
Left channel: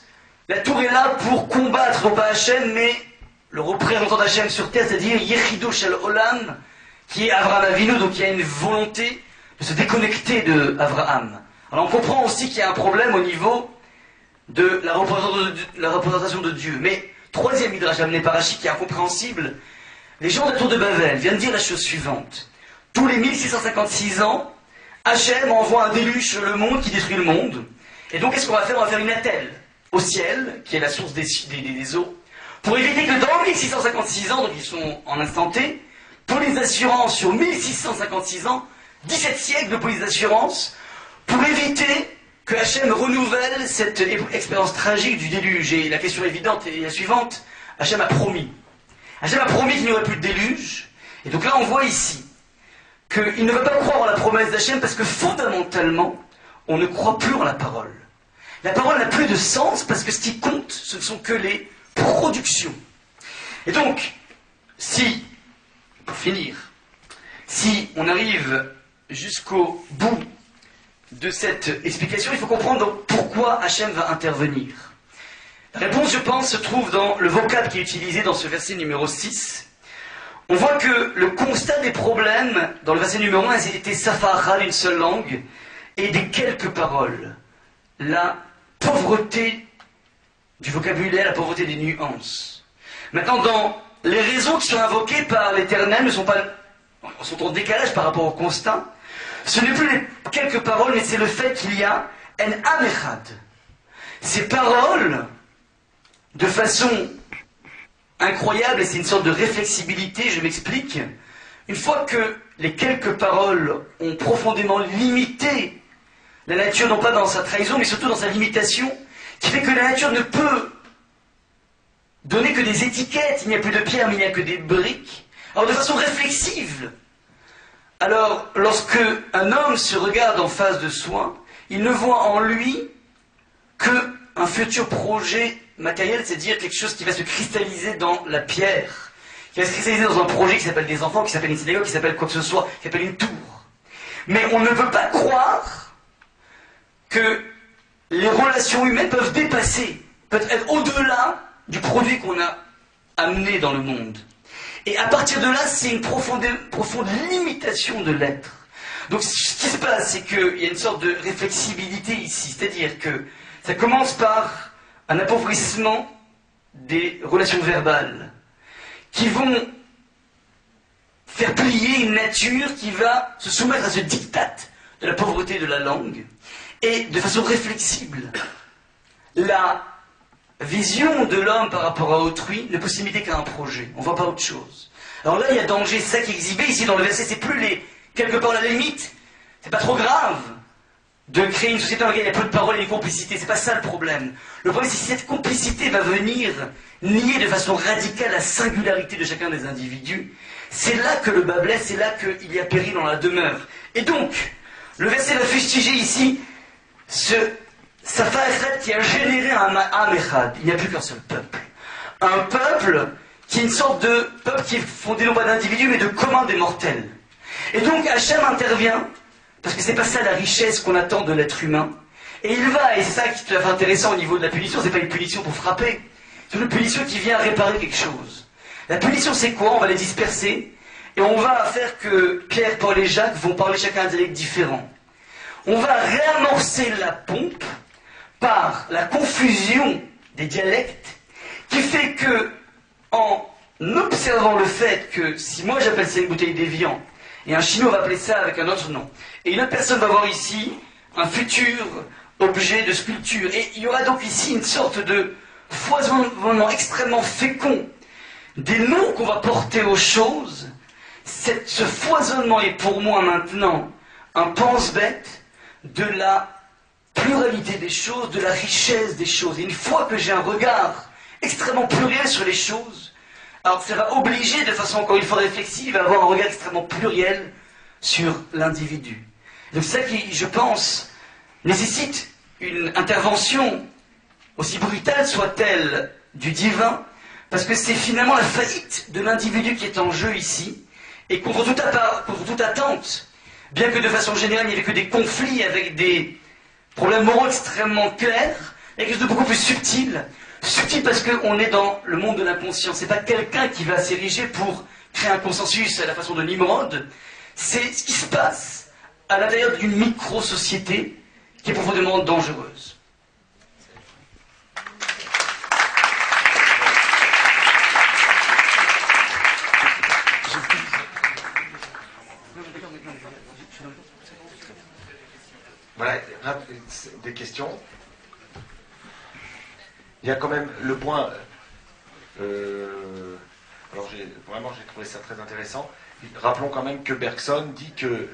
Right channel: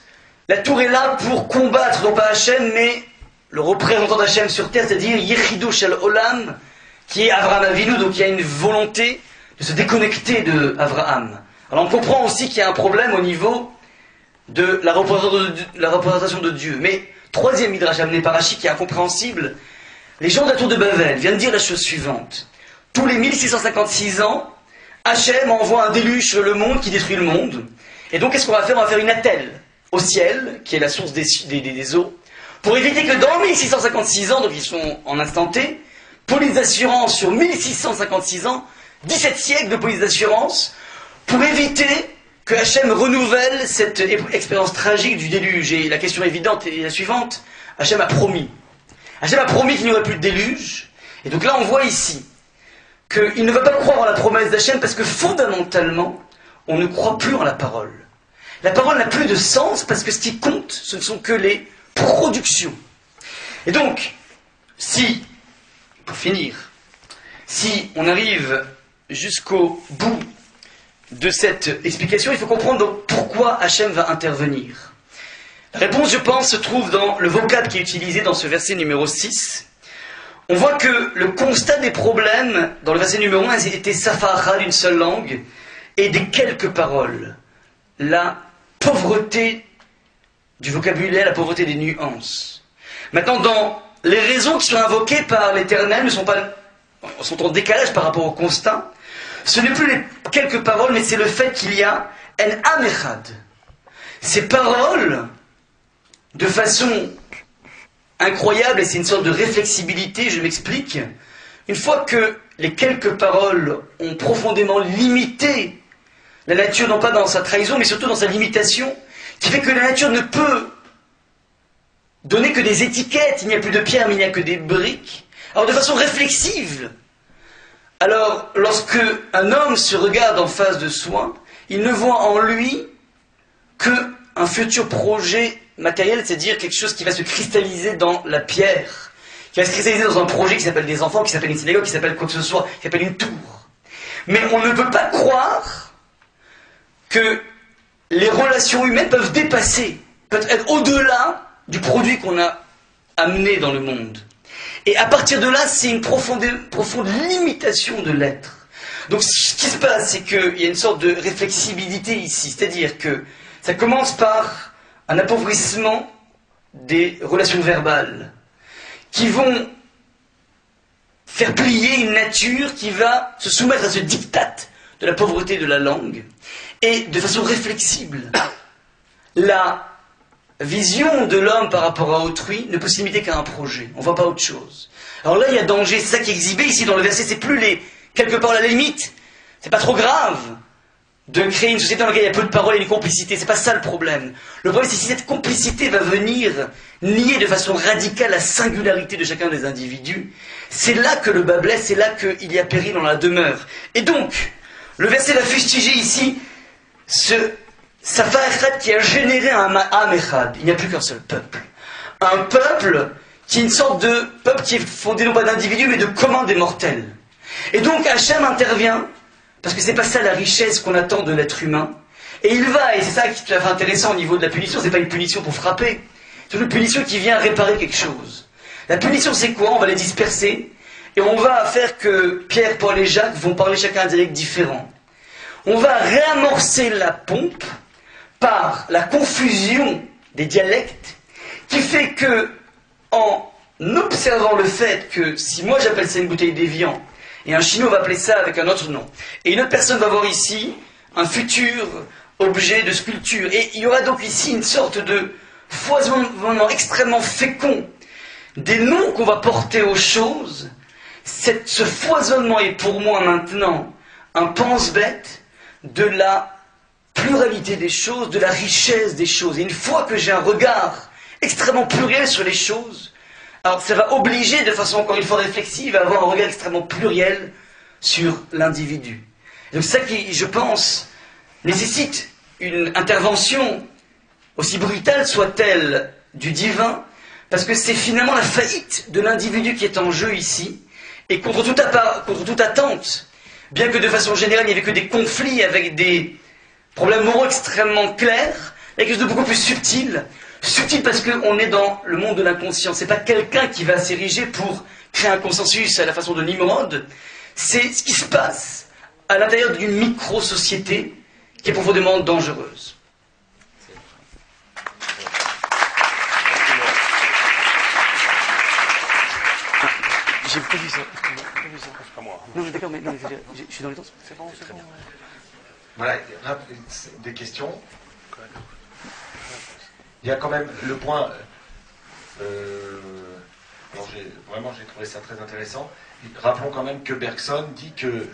la tour est là pour combattre non pas Hachem, mais le représentant d'Hachem sur terre, c'est-à-dire Yechido Shel Olam, qui est Abraham Avinu, donc il y a une volonté de se déconnecter de Abraham. Alors on comprend aussi qu'il y a un problème au niveau de la représentation de Dieu. Mais troisième midrash amené par Rashi qui est incompréhensible, les gens de la tour de Babel viennent dire la chose suivante. Tous les 1656 ans, Hachem envoie un déluge sur le monde qui détruit le monde. Et donc qu'est-ce qu'on va faire? On va faire une attelle au ciel, qui est la source des eaux, pour éviter que dans 1656 ans, donc ils sont en instant T, police d'assurance sur 1656 ans, 17 siècles de police d'assurance, pour éviter que Hachem renouvelle cette expérience tragique du déluge. Et la question évidente est la suivante, Hachem a promis. Hachem a promis qu'il n'y aurait plus de déluge, et donc là on voit ici qu'il ne veut pas croire en la promesse d'Hachem parce que fondamentalement, on ne croit plus en la parole. La parole n'a plus de sens parce que ce qui compte, ce ne sont que les productions. Et donc, pour finir, si on arrive jusqu'au bout de cette explication, il faut comprendre donc pourquoi Hachem va intervenir. La réponse, je pense, se trouve dans le vocable qui est utilisé dans ce verset numéro 6. On voit que le constat des problèmes, dans le verset numéro 1, était Safara, une seule langue, et des quelques paroles. La pauvreté du vocabulaire, la pauvreté des nuances. Maintenant, dans les raisons qui sont invoquées par l'Éternel sont en décalage par rapport au constat. Ce n'est plus les quelques paroles, mais c'est le fait qu'il y a en am echad. Ces paroles, de façon incroyable, et c'est une sorte de réflexibilité, je m'explique. Une fois que les quelques paroles ont profondément limité la nature, non pas dans sa trahison, mais surtout dans sa limitation, qui fait que la nature ne peut donner que des étiquettes, il n'y a plus de pierre, mais il n'y a que des briques. Alors de façon réflexive, alors lorsque un homme se regarde en face de soi, il ne voit en lui qu'un futur projet matériel, c'est-à-dire quelque chose qui va se cristalliser dans la pierre, qui va se cristalliser dans un projet qui s'appelle des enfants, qui s'appelle une synagogue, qui s'appelle quoi que ce soit, qui s'appelle une tour. Mais on ne peut pas croire que les relations humaines peuvent dépasser, peuvent être au-delà du produit qu'on a amené dans le monde. Et à partir de là, c'est une profonde limitation de l'être. Donc ce qui se passe, c'est qu'il y a une sorte de réflexibilité ici, c'est-à-dire que ça commence par un appauvrissement des relations verbales, qui vont faire plier une nature qui va se soumettre à ce diktat de la pauvreté de la langue, et de façon réflexible, la vision de l'homme par rapport à autrui ne peut se limiter qu'à un projet. On ne voit pas autre chose. Alors là, il y a danger. C'est ça qui est exhibé ici dans le verset. C'est plus les quelques paroles à la limite. C'est pas trop grave de créer une société dans laquelle il y a peu de paroles et de complicité. C'est pas ça le problème. Le problème, c'est si cette complicité va venir nier de façon radicale la singularité de chacun des individus. C'est là que le bas blesse. C'est là qu'il y a péril dans la demeure. Et donc, le verset va fustiger ici ce Safa qui a généré un Am Echad. Il n'y a plus qu'un seul peuple. Un peuple qui est une sorte de peuple qui est fondé non pas d'individus mais de commun des mortels. Et donc Hachem intervient, parce que c'est pas ça la richesse qu'on attend de l'être humain. Et il va, et c'est ça qui est tout à fait intéressant au niveau de la punition, c'est pas une punition pour frapper, c'est une punition qui vient réparer quelque chose. La punition c'est quoi? On va les disperser, et on va faire que Pierre, Paul et Jacques vont parler chacun un dialecte différent. On va réamorcer la pompe par la confusion des dialectes, qui fait que, en observant le fait que si moi j'appelle ça une bouteille d'évian, et un chinois va appeler ça avec un autre nom, et une autre personne va voir ici un futur objet de sculpture, et il y aura donc ici une sorte de foisonnement extrêmement fécond des noms qu'on va porter aux choses. Ce foisonnement est pour moi maintenant un pense-bête de la pluralité des choses, de la richesse des choses. Et une fois que j'ai un regard extrêmement pluriel sur les choses, alors ça va obliger de façon encore une fois réflexive à avoir un regard extrêmement pluriel sur l'individu. Donc ça qui, je pense, nécessite une intervention, aussi brutale soit-elle, du divin, parce que c'est finalement la faillite de l'individu qui est en jeu ici, et contre toute attente, bien que de façon générale il n'y avait que des conflits avec des problèmes moraux extrêmement clairs, il y a quelque chose de beaucoup plus subtil. Subtil parce qu'on est dans le monde de l'inconscient. C'est pas quelqu'un qui va s'ériger pour créer un consensus à la façon de Nimrod. C'est ce qui se passe à l'intérieur d'une micro-société qui est profondément dangereuse. J'ai prévu ça. C'est pas moi. Non, mais d'accord, mais non, je suis dans les temps. C'est bon, c'est très bien. Voilà, des questions. Il y a quand même le point. Alors j'ai trouvé ça très intéressant. Rappelons quand même que Bergson dit que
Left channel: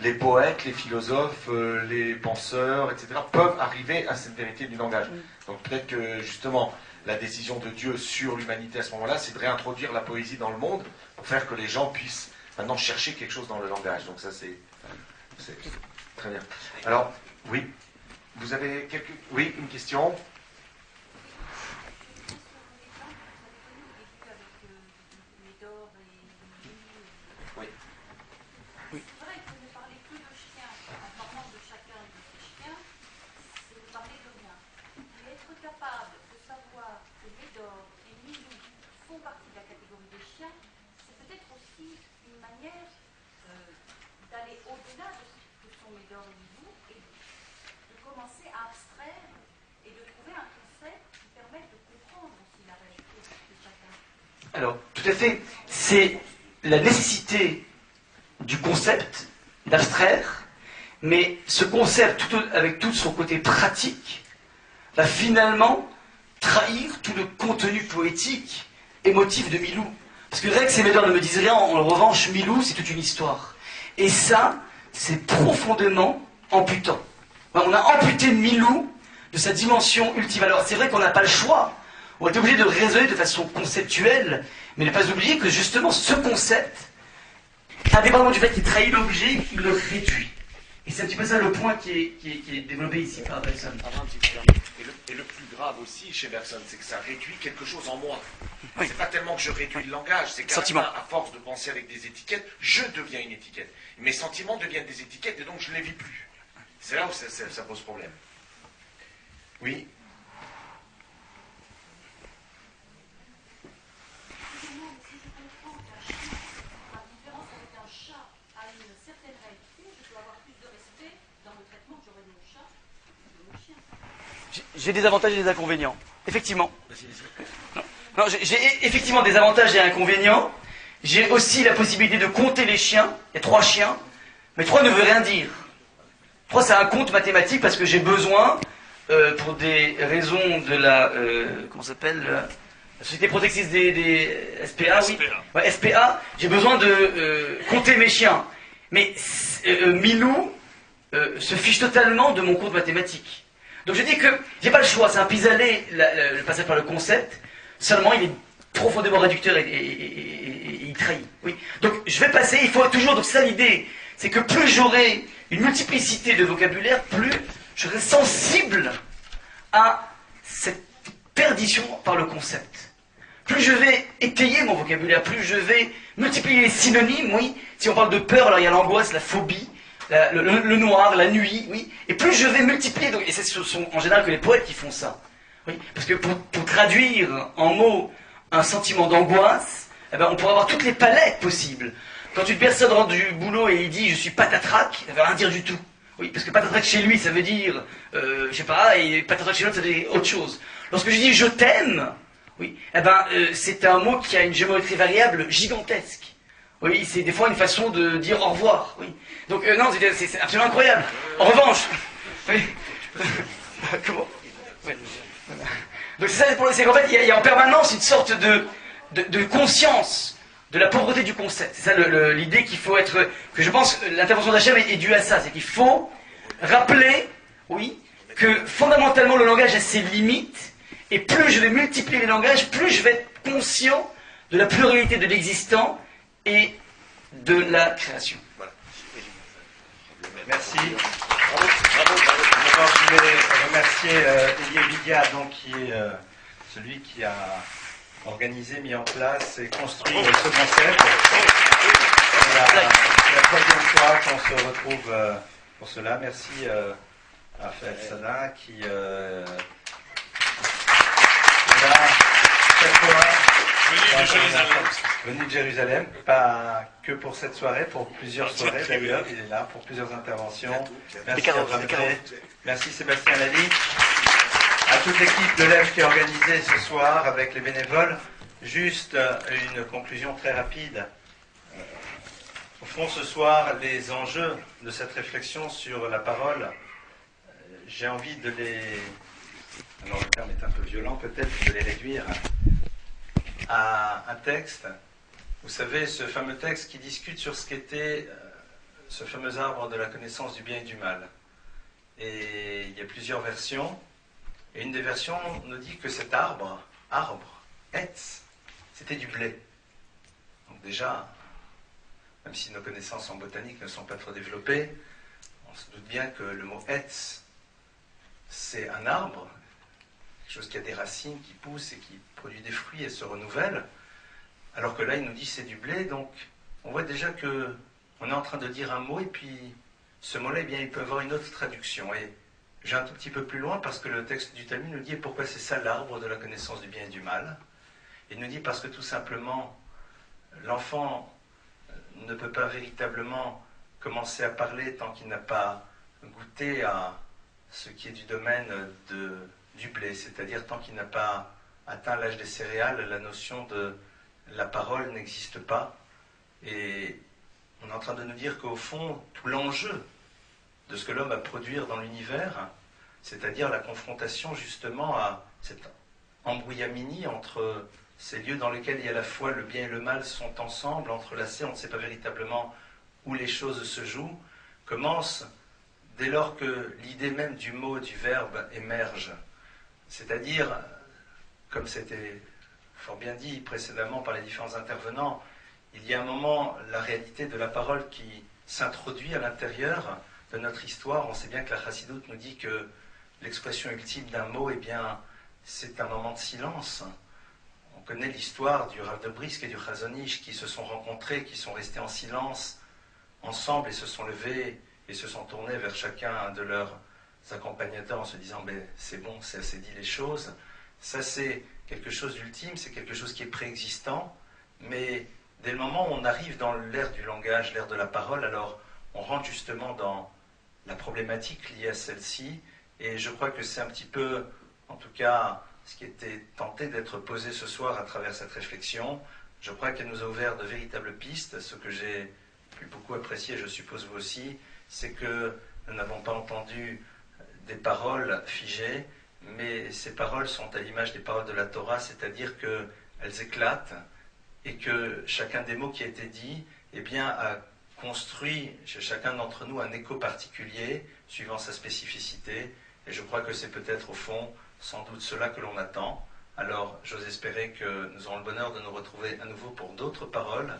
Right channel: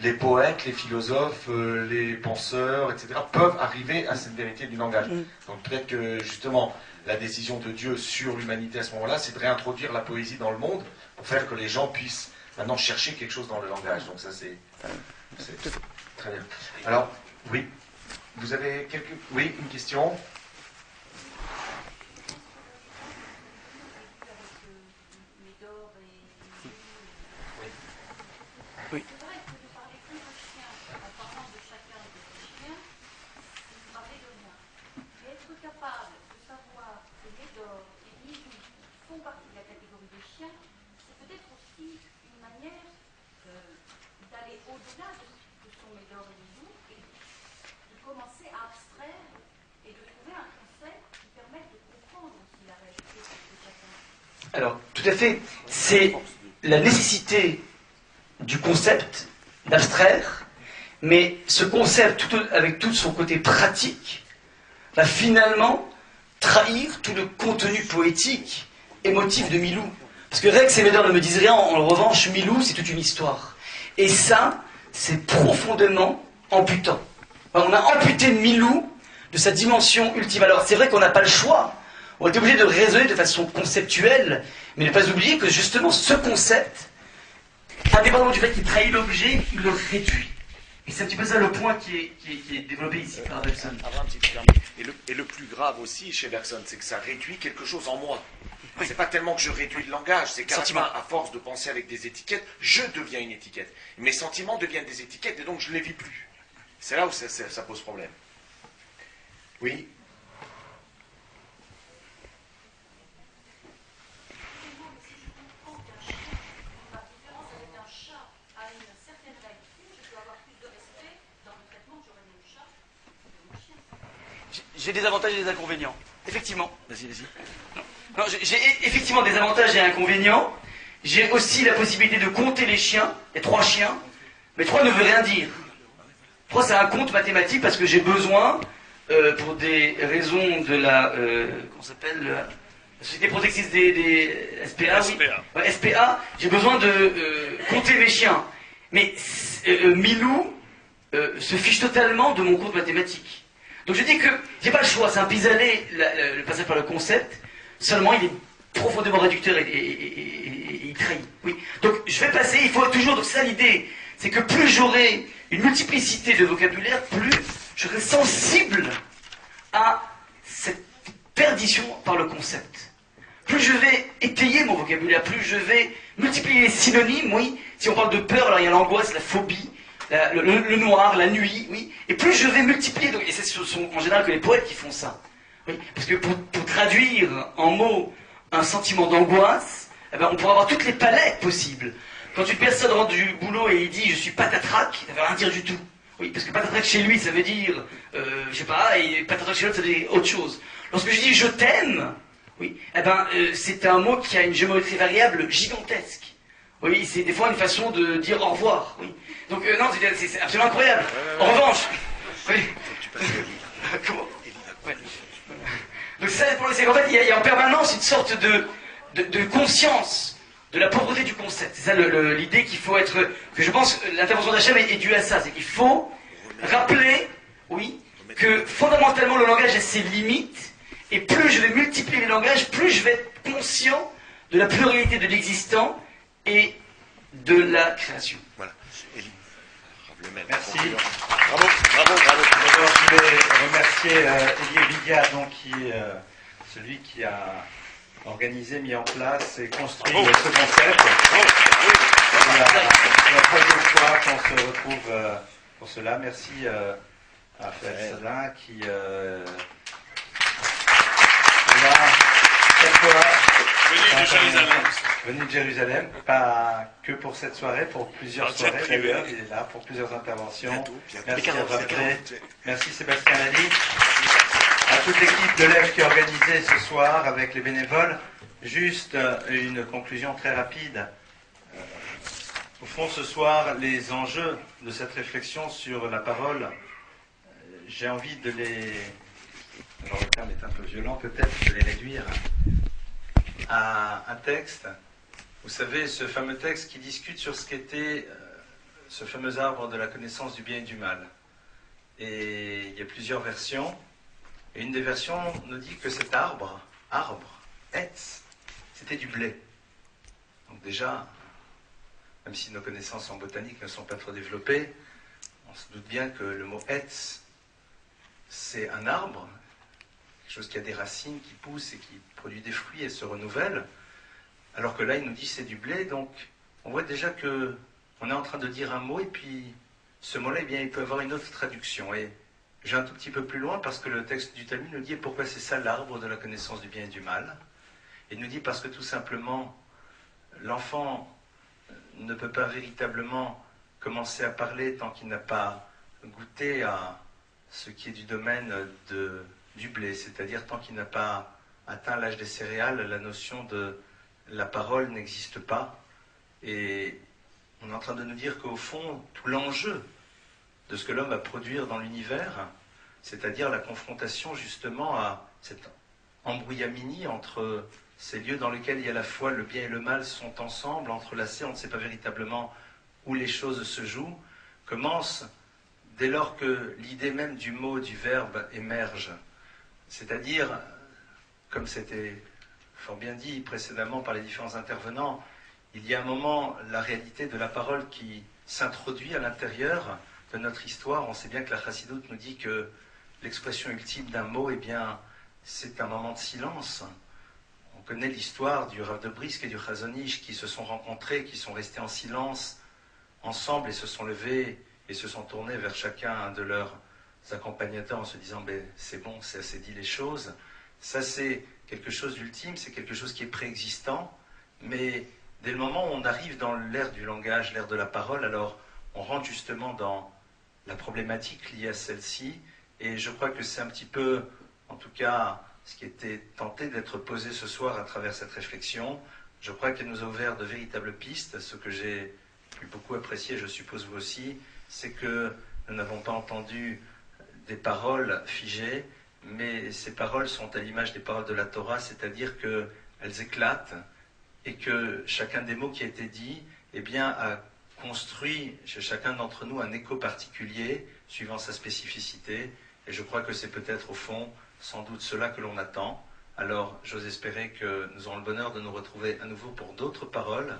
les poètes, les philosophes, les penseurs, etc. peuvent arriver à cette vérité du langage. Donc peut-être que justement la décision de Dieu sur l'humanité à ce moment-là, c'est de réintroduire la poésie dans le monde pour faire que les gens puissent maintenant chercher quelque chose dans le langage. Donc ça c'est très bien. Alors oui, vous avez une question? Alors, tout à fait, c'est la nécessité du concept d'abstraire, mais ce concept, avec tout son côté pratique, va finalement trahir tout le contenu poétique émotif de Milou. Parce que Rex et Vader ne me disent rien, en revanche, Milou, c'est toute une histoire. Et ça, c'est profondément amputant. On a amputé Milou de sa dimension ultime. Alors, c'est vrai qu'on n'a pas le choix. On est obligé de raisonner de façon conceptuelle, mais ne pas oublier que justement, ce concept, indépendamment du fait qu'il trahit l'objet, il le réduit. Et c'est un petit peu ça le point qui est développé ici par Bergson. Et le plus grave aussi chez Bergson, c'est que ça réduit quelque chose en moi. Oui. C'est pas tellement que je réduis le langage, c'est qu'à force de penser avec des étiquettes, je deviens une étiquette. Mes sentiments deviennent des étiquettes et donc je ne les vis plus. C'est là où ça pose problème. Oui. J'ai des avantages et des inconvénients. Effectivement. Non, j'ai effectivement des avantages et inconvénients. J'ai aussi la possibilité de compter les chiens. Il y a 3 chiens. Mais 3 ne veut rien dire. 3, c'est un compte mathématique parce que j'ai besoin, pour des raisons de la... comment ça s'appelle la Société protectrice des SPA, oui. Ouais, SPA, j'ai besoin de compter mes chiens. Mais Milou se fiche totalement de mon compte mathématique. Donc je dis que j'ai pas le choix, c'est un pis-aller, le passage par le concept, seulement il est profondément réducteur et il trahit. Oui. Donc je vais passer, il faut toujours, donc c'est ça l'idée, c'est que plus j'aurai une multiplicité de vocabulaire, plus je serai sensible à cette perdition par le concept. Plus je vais étayer mon vocabulaire, plus je vais multiplier les synonymes, oui. Si on parle de peur, alors il y a l'angoisse, la phobie, le noir, la nuit, oui. Et plus je vais multiplier, donc, et ce sont en général que les poètes qui font ça. Oui. Parce que pour traduire en mots un sentiment d'angoisse, eh ben, on pourra avoir toutes les palettes possibles. Quand une personne rentre du boulot et il dit « je suis patatrac », ça ne veut rien dire du tout. Oui, parce que patatrac chez lui, ça veut dire, je sais pas, et patatrac chez l'autre, ça veut dire autre chose. Lorsque je dis « je t'aime », oui, eh ben, c'est un mot qui a une géométrie variable gigantesque. Oui, c'est des fois une façon de dire au revoir. Oui. Donc non, c'est absolument incroyable. En revanche, oui. Comment ouais. Donc c'est qu'en fait, il y a en permanence une sorte de conscience de la pauvreté du concept. C'est ça l'idée qu'il faut être... Que je pense l'intervention d'Hachem est due à ça. C'est qu'il faut rappeler, oui, que fondamentalement le langage a ses limites, et plus je vais multiplier les langages, plus je vais être conscient de la pluralité de l'existant et de la création. Voilà. Merci. D'abord, je voulais remercier Elie Ovidia, donc, qui est celui qui a organisé, mis en place et construit ce concept. C'est la troisième fois qu'on se retrouve pour cela. Merci à Raphaël Salin qui est là cette fois. Venu de Jérusalem, pas que pour cette soirée, pour plusieurs soirées d'ailleurs, il est là pour plusieurs interventions. Merci à Abraham, merci Sébastien Lally, à toute l'équipe de l'EM qui a organisé ce soir avec les bénévoles. Juste une conclusion très rapide. Au fond, ce soir, les enjeux de cette réflexion sur la parole, j'ai envie de les... Alors le terme est un peu violent peut-être, de les réduire à un texte, vous savez, ce fameux texte qui discute sur ce qu'était ce fameux arbre de la connaissance du bien et du mal. Et il y a plusieurs versions, et une des versions nous dit que cet arbre, Etz, c'était du blé. Donc déjà, même si nos connaissances en botanique ne sont pas trop développées, on se doute bien que le mot Etz, c'est un arbre, quelque chose qui a des racines, qui poussent et qui produit des fruits et se renouvelle, alors que là il nous dit c'est du blé, donc on voit déjà que on est en train de dire un mot et puis ce mot-là, eh bien, il peut avoir une autre traduction. Et j'ai un tout petit peu plus loin parce que le texte du Talmud nous dit pourquoi c'est ça l'arbre de la connaissance du bien et du mal. Il nous dit parce que tout simplement l'enfant ne peut pas véritablement commencer à parler tant qu'il n'a pas goûté à ce qui est du domaine du blé, c'est-à-dire tant qu'il n'a pas atteint l'âge des céréales, la notion de la parole n'existe pas. Et on est en train de nous dire qu'au fond, tout l'enjeu de ce que l'homme va produire dans l'univers, c'est-à-dire la confrontation justement à cette embrouillamini entre ces lieux dans lesquels il y a à la fois le bien et le mal sont ensemble, entrelacés, on ne sait pas véritablement où les choses se jouent, commence dès lors que l'idée même du mot, du verbe émerge. C'est-à-dire, comme c'était fort bien dit précédemment par les différents intervenants, il y a un moment la réalité de la parole qui s'introduit à l'intérieur de notre histoire. On sait bien que la chassidoute nous dit que l'expression ultime d'un mot, eh bien, c'est un moment de silence. On connaît l'histoire du Rav de Brisk et du Chazon Ish qui se sont rencontrés, qui sont restés en silence ensemble et se sont levés et se sont tournés vers chacun de leurs accompagnateurs en se disant ben, c'est bon, c'est assez dit les choses. Ça, c'est quelque chose d'ultime, c'est quelque chose qui est préexistant, mais dès le moment où on arrive dans l'ère du langage, l'ère de la parole, alors on rentre justement dans la problématique liée à celle-ci, et je crois que c'est un petit peu, en tout cas, ce qui était tenté d'être posé ce soir à travers cette réflexion. Je crois qu'elle nous a ouvert de véritables pistes. Ce que j'ai pu beaucoup apprécier, je suppose vous aussi, c'est que nous n'avons pas entendu des paroles figées, mais ces paroles sont à l'image des paroles de la Torah, c'est-à-dire qu'elles éclatent et que chacun des mots qui a été dit, eh bien, a construit chez chacun d'entre nous un écho particulier suivant sa spécificité. Et je crois que c'est peut-être au fond, sans doute, cela que l'on attend. Alors, j'ose espérer que nous aurons le bonheur de nous retrouver à nouveau pour d'autres paroles,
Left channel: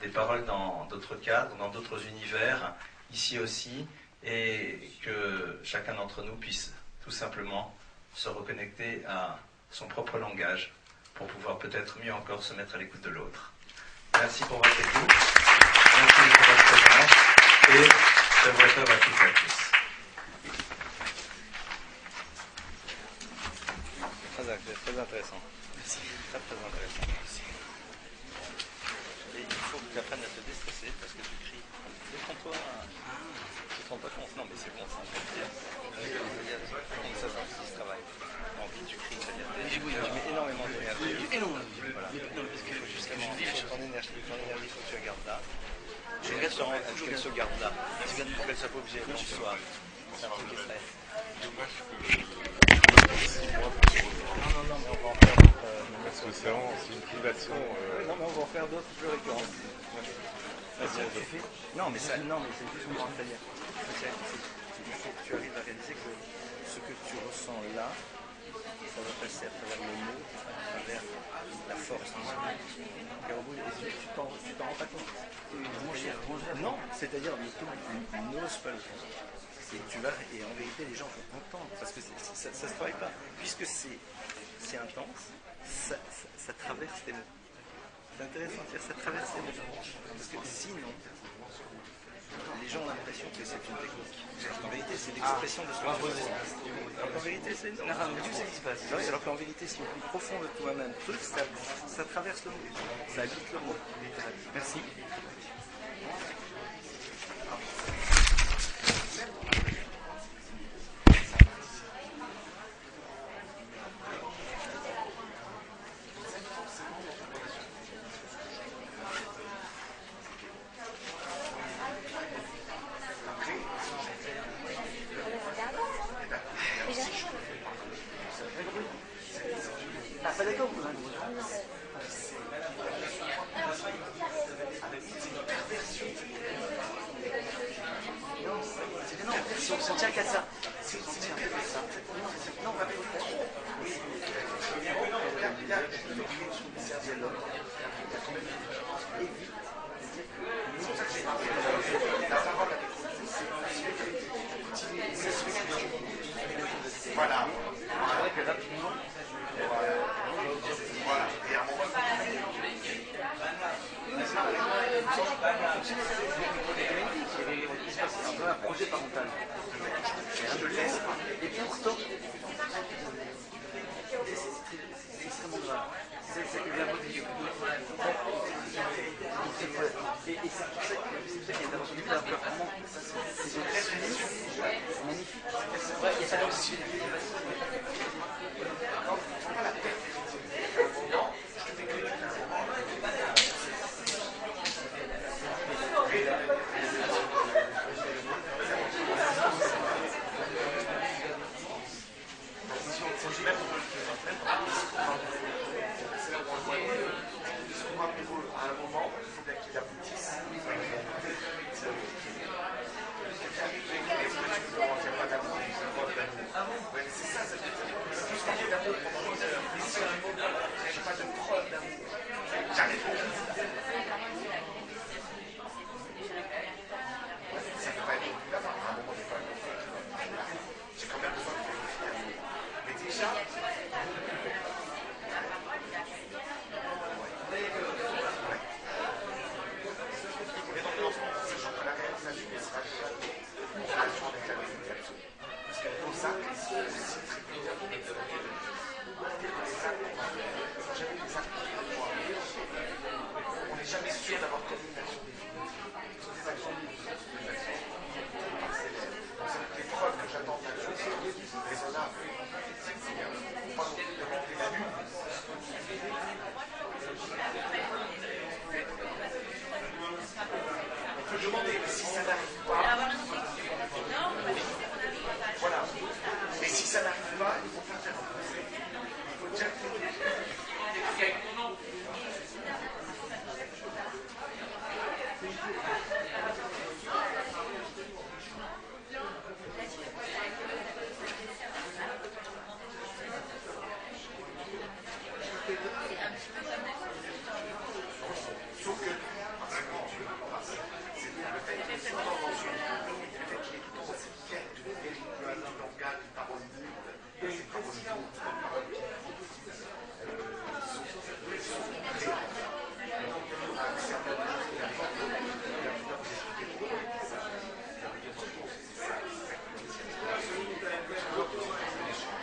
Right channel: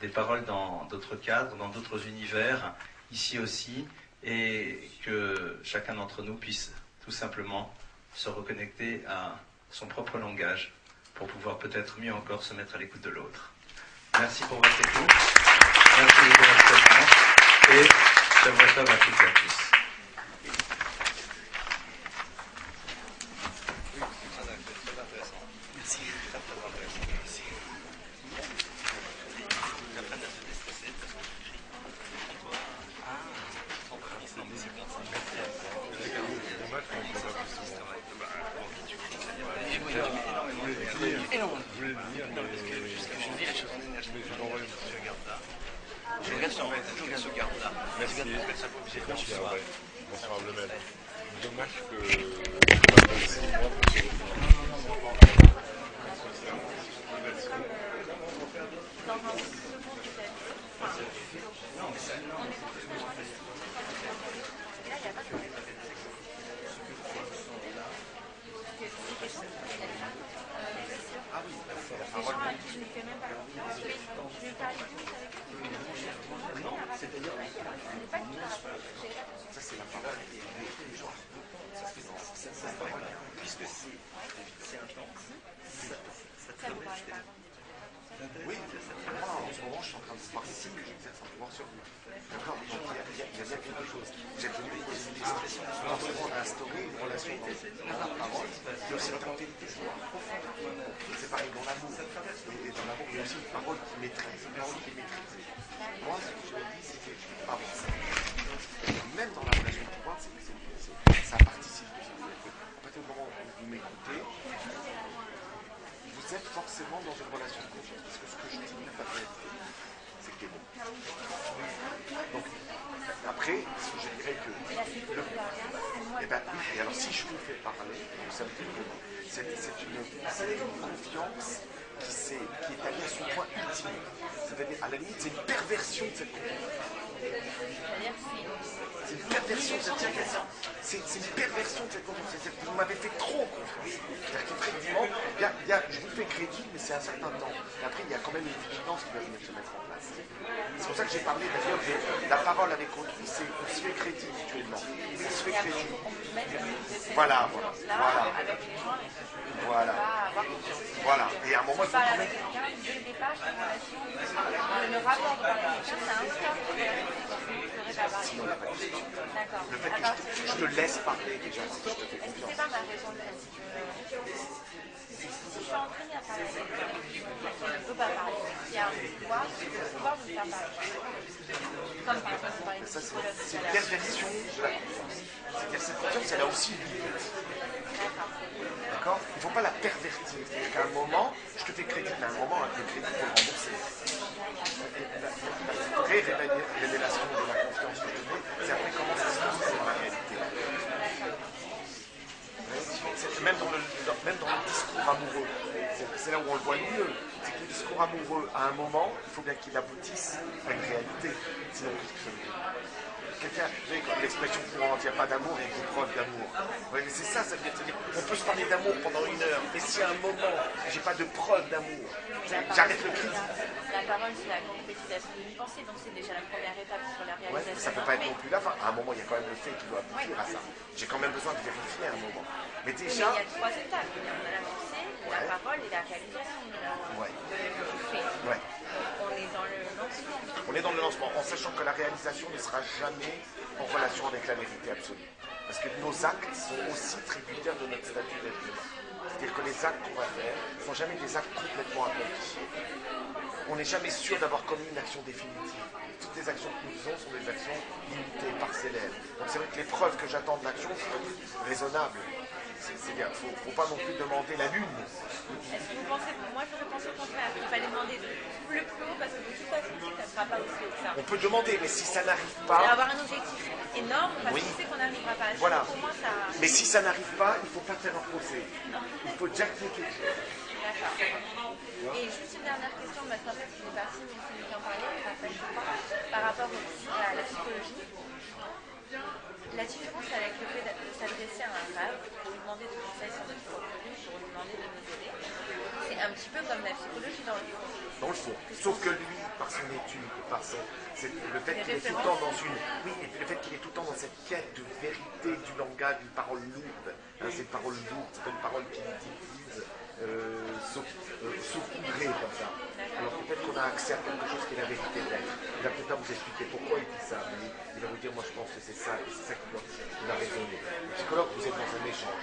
des paroles dans d'autres cadres, dans d'autres univers, ici aussi, et que chacun d'entre nous puisse tout simplement se reconnecter à son propre langage pour pouvoir peut-être mieux encore se mettre à l'écoute de l'autre. Merci pour votre écoute, merci pour votre présence, et je vous retrouve à toutes et à tous. Très intéressant. Merci. Très intéressant. Et il faut que tu apprennes à te déstresser parce que tu cries. Déprends-toi. Tu te rends pas compte. Non, mais c'est bon, ça. Ça c'est ce travail. En vie, tu cries, c'est-à-dire oui, tu mets énormément d'énergie. Énormément. Voilà. Non, parce que justement, je vis la chose. ton énergie, il faut que tu la gardes là. Je regarde sur Elle se garde là. Même si elle ne soit pas obligée quand tu sois. Dommage que ça va 6 mois pour se revoir. Parce que c'est vraiment une privation. On va en faire d'autres. Non, mais ça, non. Tu arrives à réaliser que ce que tu ressens là, ça va passer à travers la force. Non, c'est-à-dire, n'ose pas. Tu vas, et en vérité, les gens vont comprendre. Parce que ça se passe là. Puisque c'est intense, ça traverse tes mots. C'est intéressant, ça traverse tes branches en train de se passer. Les gens ont l'impression que c'est une chose. En vérité, c'est l'expression de ce qu'on pose dans l'instant. En vérité, c'est ce qui se passe. Alors qu'en vérité, c'est le plus profond de toi-même. Ça traverse le route. Ça ajoute le route qui maîtrise. Merci. Même dans la région, ça participe. Vous êtes forcément dans une relation. Après, et alors si je fais pas mal, c'est une confiance qui s'est établie à ce point intime. À la limite, c'est une perversion de cette confiance. C'est une perversion, ça tient qu'à ça. C'est une perversion de cette confiance. C'est-à-dire qu'on m'avait fait trop. Oui, il y a je fais crédit, mais c'est un certain temps. Après, il y a quand même une différence évidente. C'est pour ça que j'ai parlé de la parole avec autrui, c'est se fait crédit. C'est se fait crédit. Voilà. Et à un moment, je te laisse parler. C'est une définition. C'est aussi. D'accord ? Il ne faut pas la pervertir. À un moment, je te fais crédit. À un moment, même dans le discours, c'est là où on le voit. ça. Il y a 3 étapes. La pensée, la parole et la réalisation. Ouais. On est dans le lancement. On est dans le lancement en sachant que la réalisation ne sera jamais en relation avec la vérité absolue. Parce que nos actes sont aussi tributaires de notre nature. C'est-à-dire que les actes qu'on va faire ne sont jamais des actes complètement aboutis. On n'est jamais sûr d'avoir commis une action définitive. Toutes les actions que nous faisons sont des actions limitées, parcellaires. Donc c'est vrai que les preuves que j'attends de l'action sont raisonnables. C'est bien. Il ne faut pas non plus demander la lune. Moi, je pense que je vais pas demander de tout le boulot parce que je sais que ça ne sera pas possible. Ça. On peut demander, mais si ça n'arrive Et pas, avoir un objectif énorme parce Oui. qu'on sait qu'on n'arrivera pas à le Voilà. faire. Ça... mais si ça n'arrive pas, il ne faut pas faire un procès. Il faut déjà le dire. Et juste une dernière question, maintenant que je vais par rapport à la psychologie. La différence à laquelle vous avez s'adresser à un femme, vous demandez de c'est un petit peu comme la psychologie dans le fond. Dans le fond. Sauf que lui, par son étude, c'est le fait qu'il est tout le temps dans une. Oui, le fait qu'il est tout le temps dans cette quête de vérité, du langage, d'une parole lourde, cette parole lourde, c'est une parole qui saupoudrée comme ça. Alors peut-être qu'on a accès à plein de choses qui est la vérité. Il va peut-être vous expliquer pourquoi il dit ça. Il va vous dire, moi je pense que c'est ça qui a raison. Le psychologue, vous êtes dans un échange.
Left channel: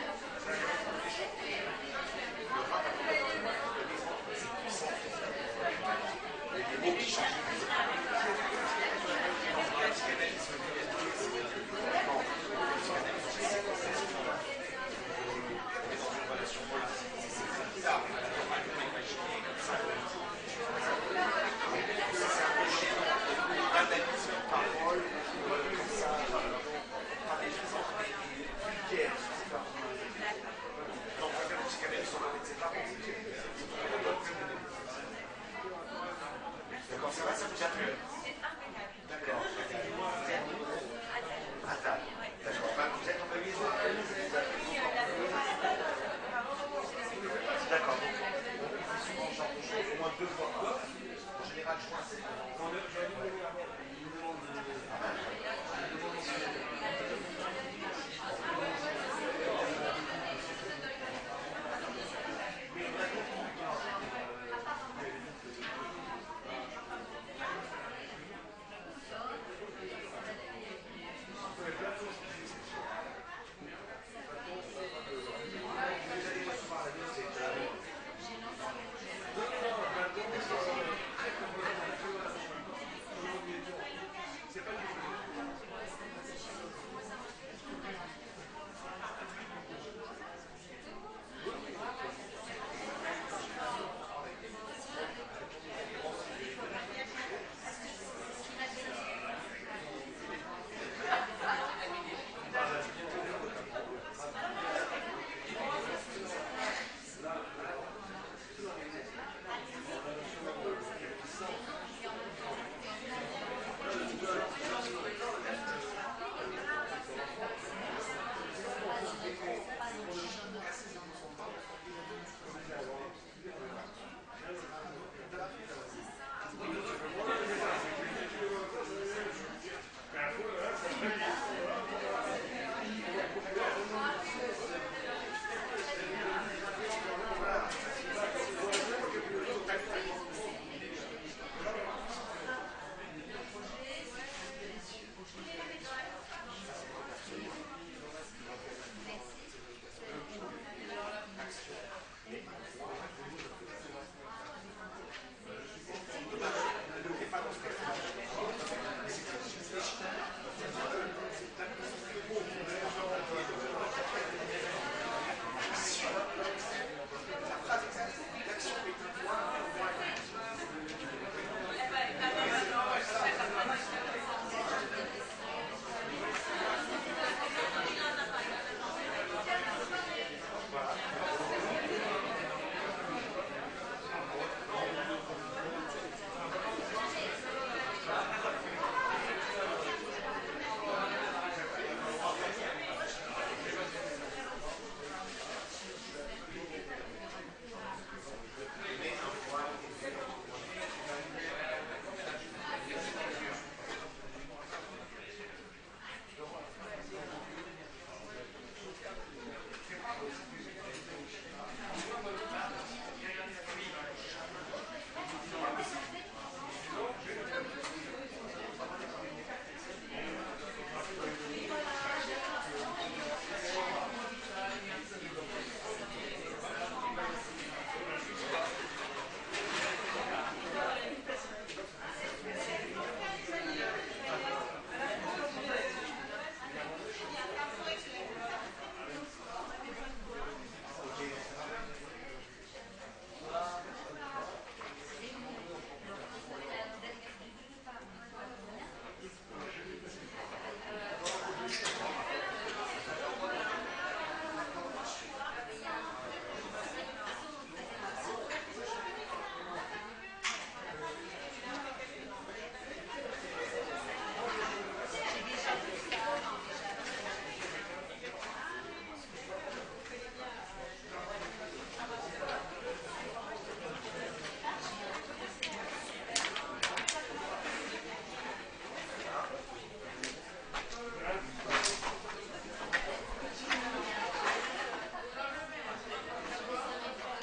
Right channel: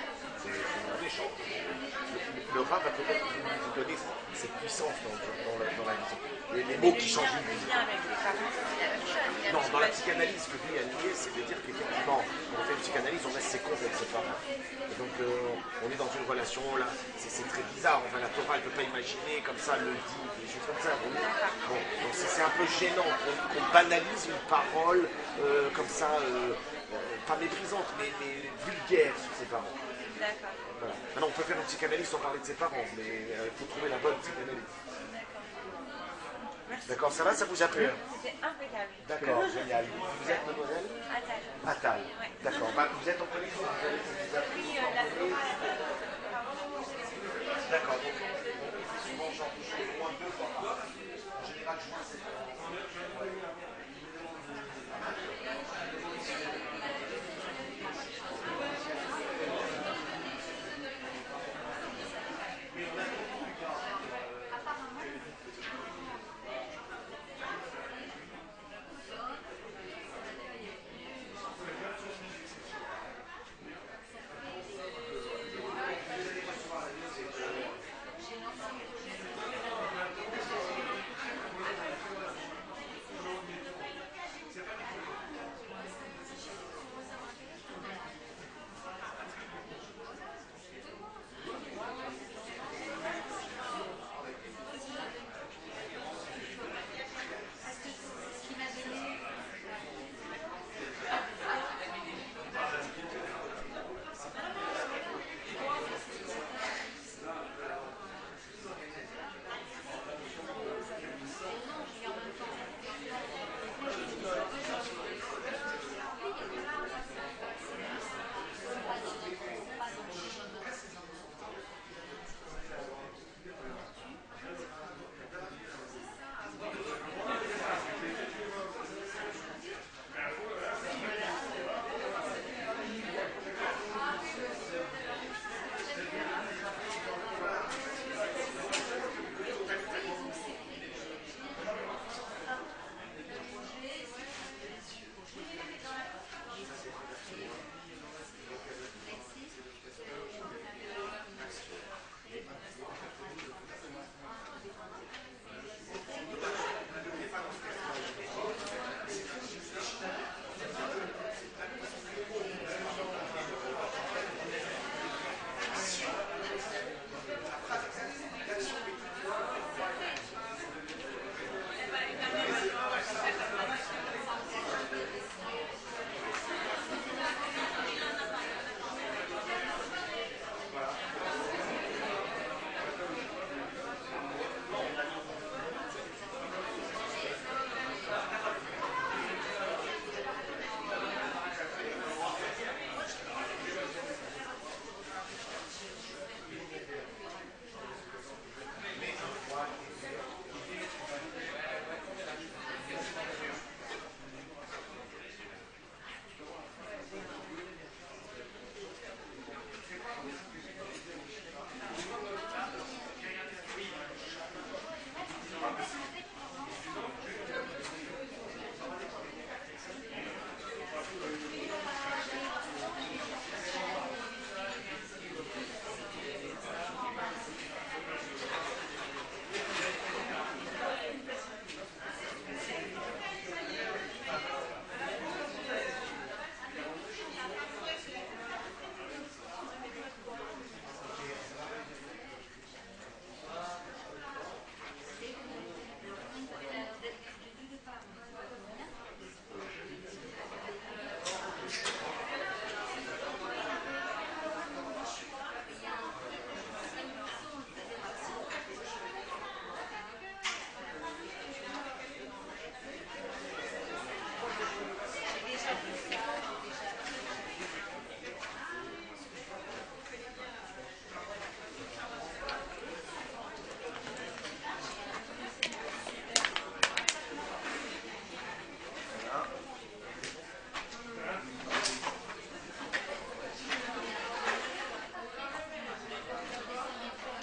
Le rat va peut-être vous donner cette puissance les mots qui changent. Non, dans la psychanalyse, le réalité, c'est-à-dire qu'effectivement, on fait une psychanalyse, on reste séquence, etc. Donc, on est dans une relation, là, c'est très bizarre, on va la Torah, elle ne peut pas imaginer comme ça, le c'est un peu gênant, on banalise une parole comme ça, pas méprisante, mais vulgaire, c'est pas. Maintenant, on peut faire une psychanalyse sans parler de ses parents, il faut trouver la bonne psychanalyse. D'accord, ça va, ça vous a plu? C'est impeccable. D'accord, génial. Vous êtes mademoiselle Attends. Attal. D'accord, bah, vous êtes employé sur D'accord, donc on fait souvent ce genre de choses, au moins 2 fois. En général, je vois, c'est.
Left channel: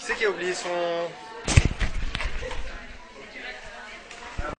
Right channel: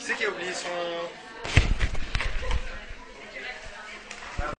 Qui c'est qui a oublié son...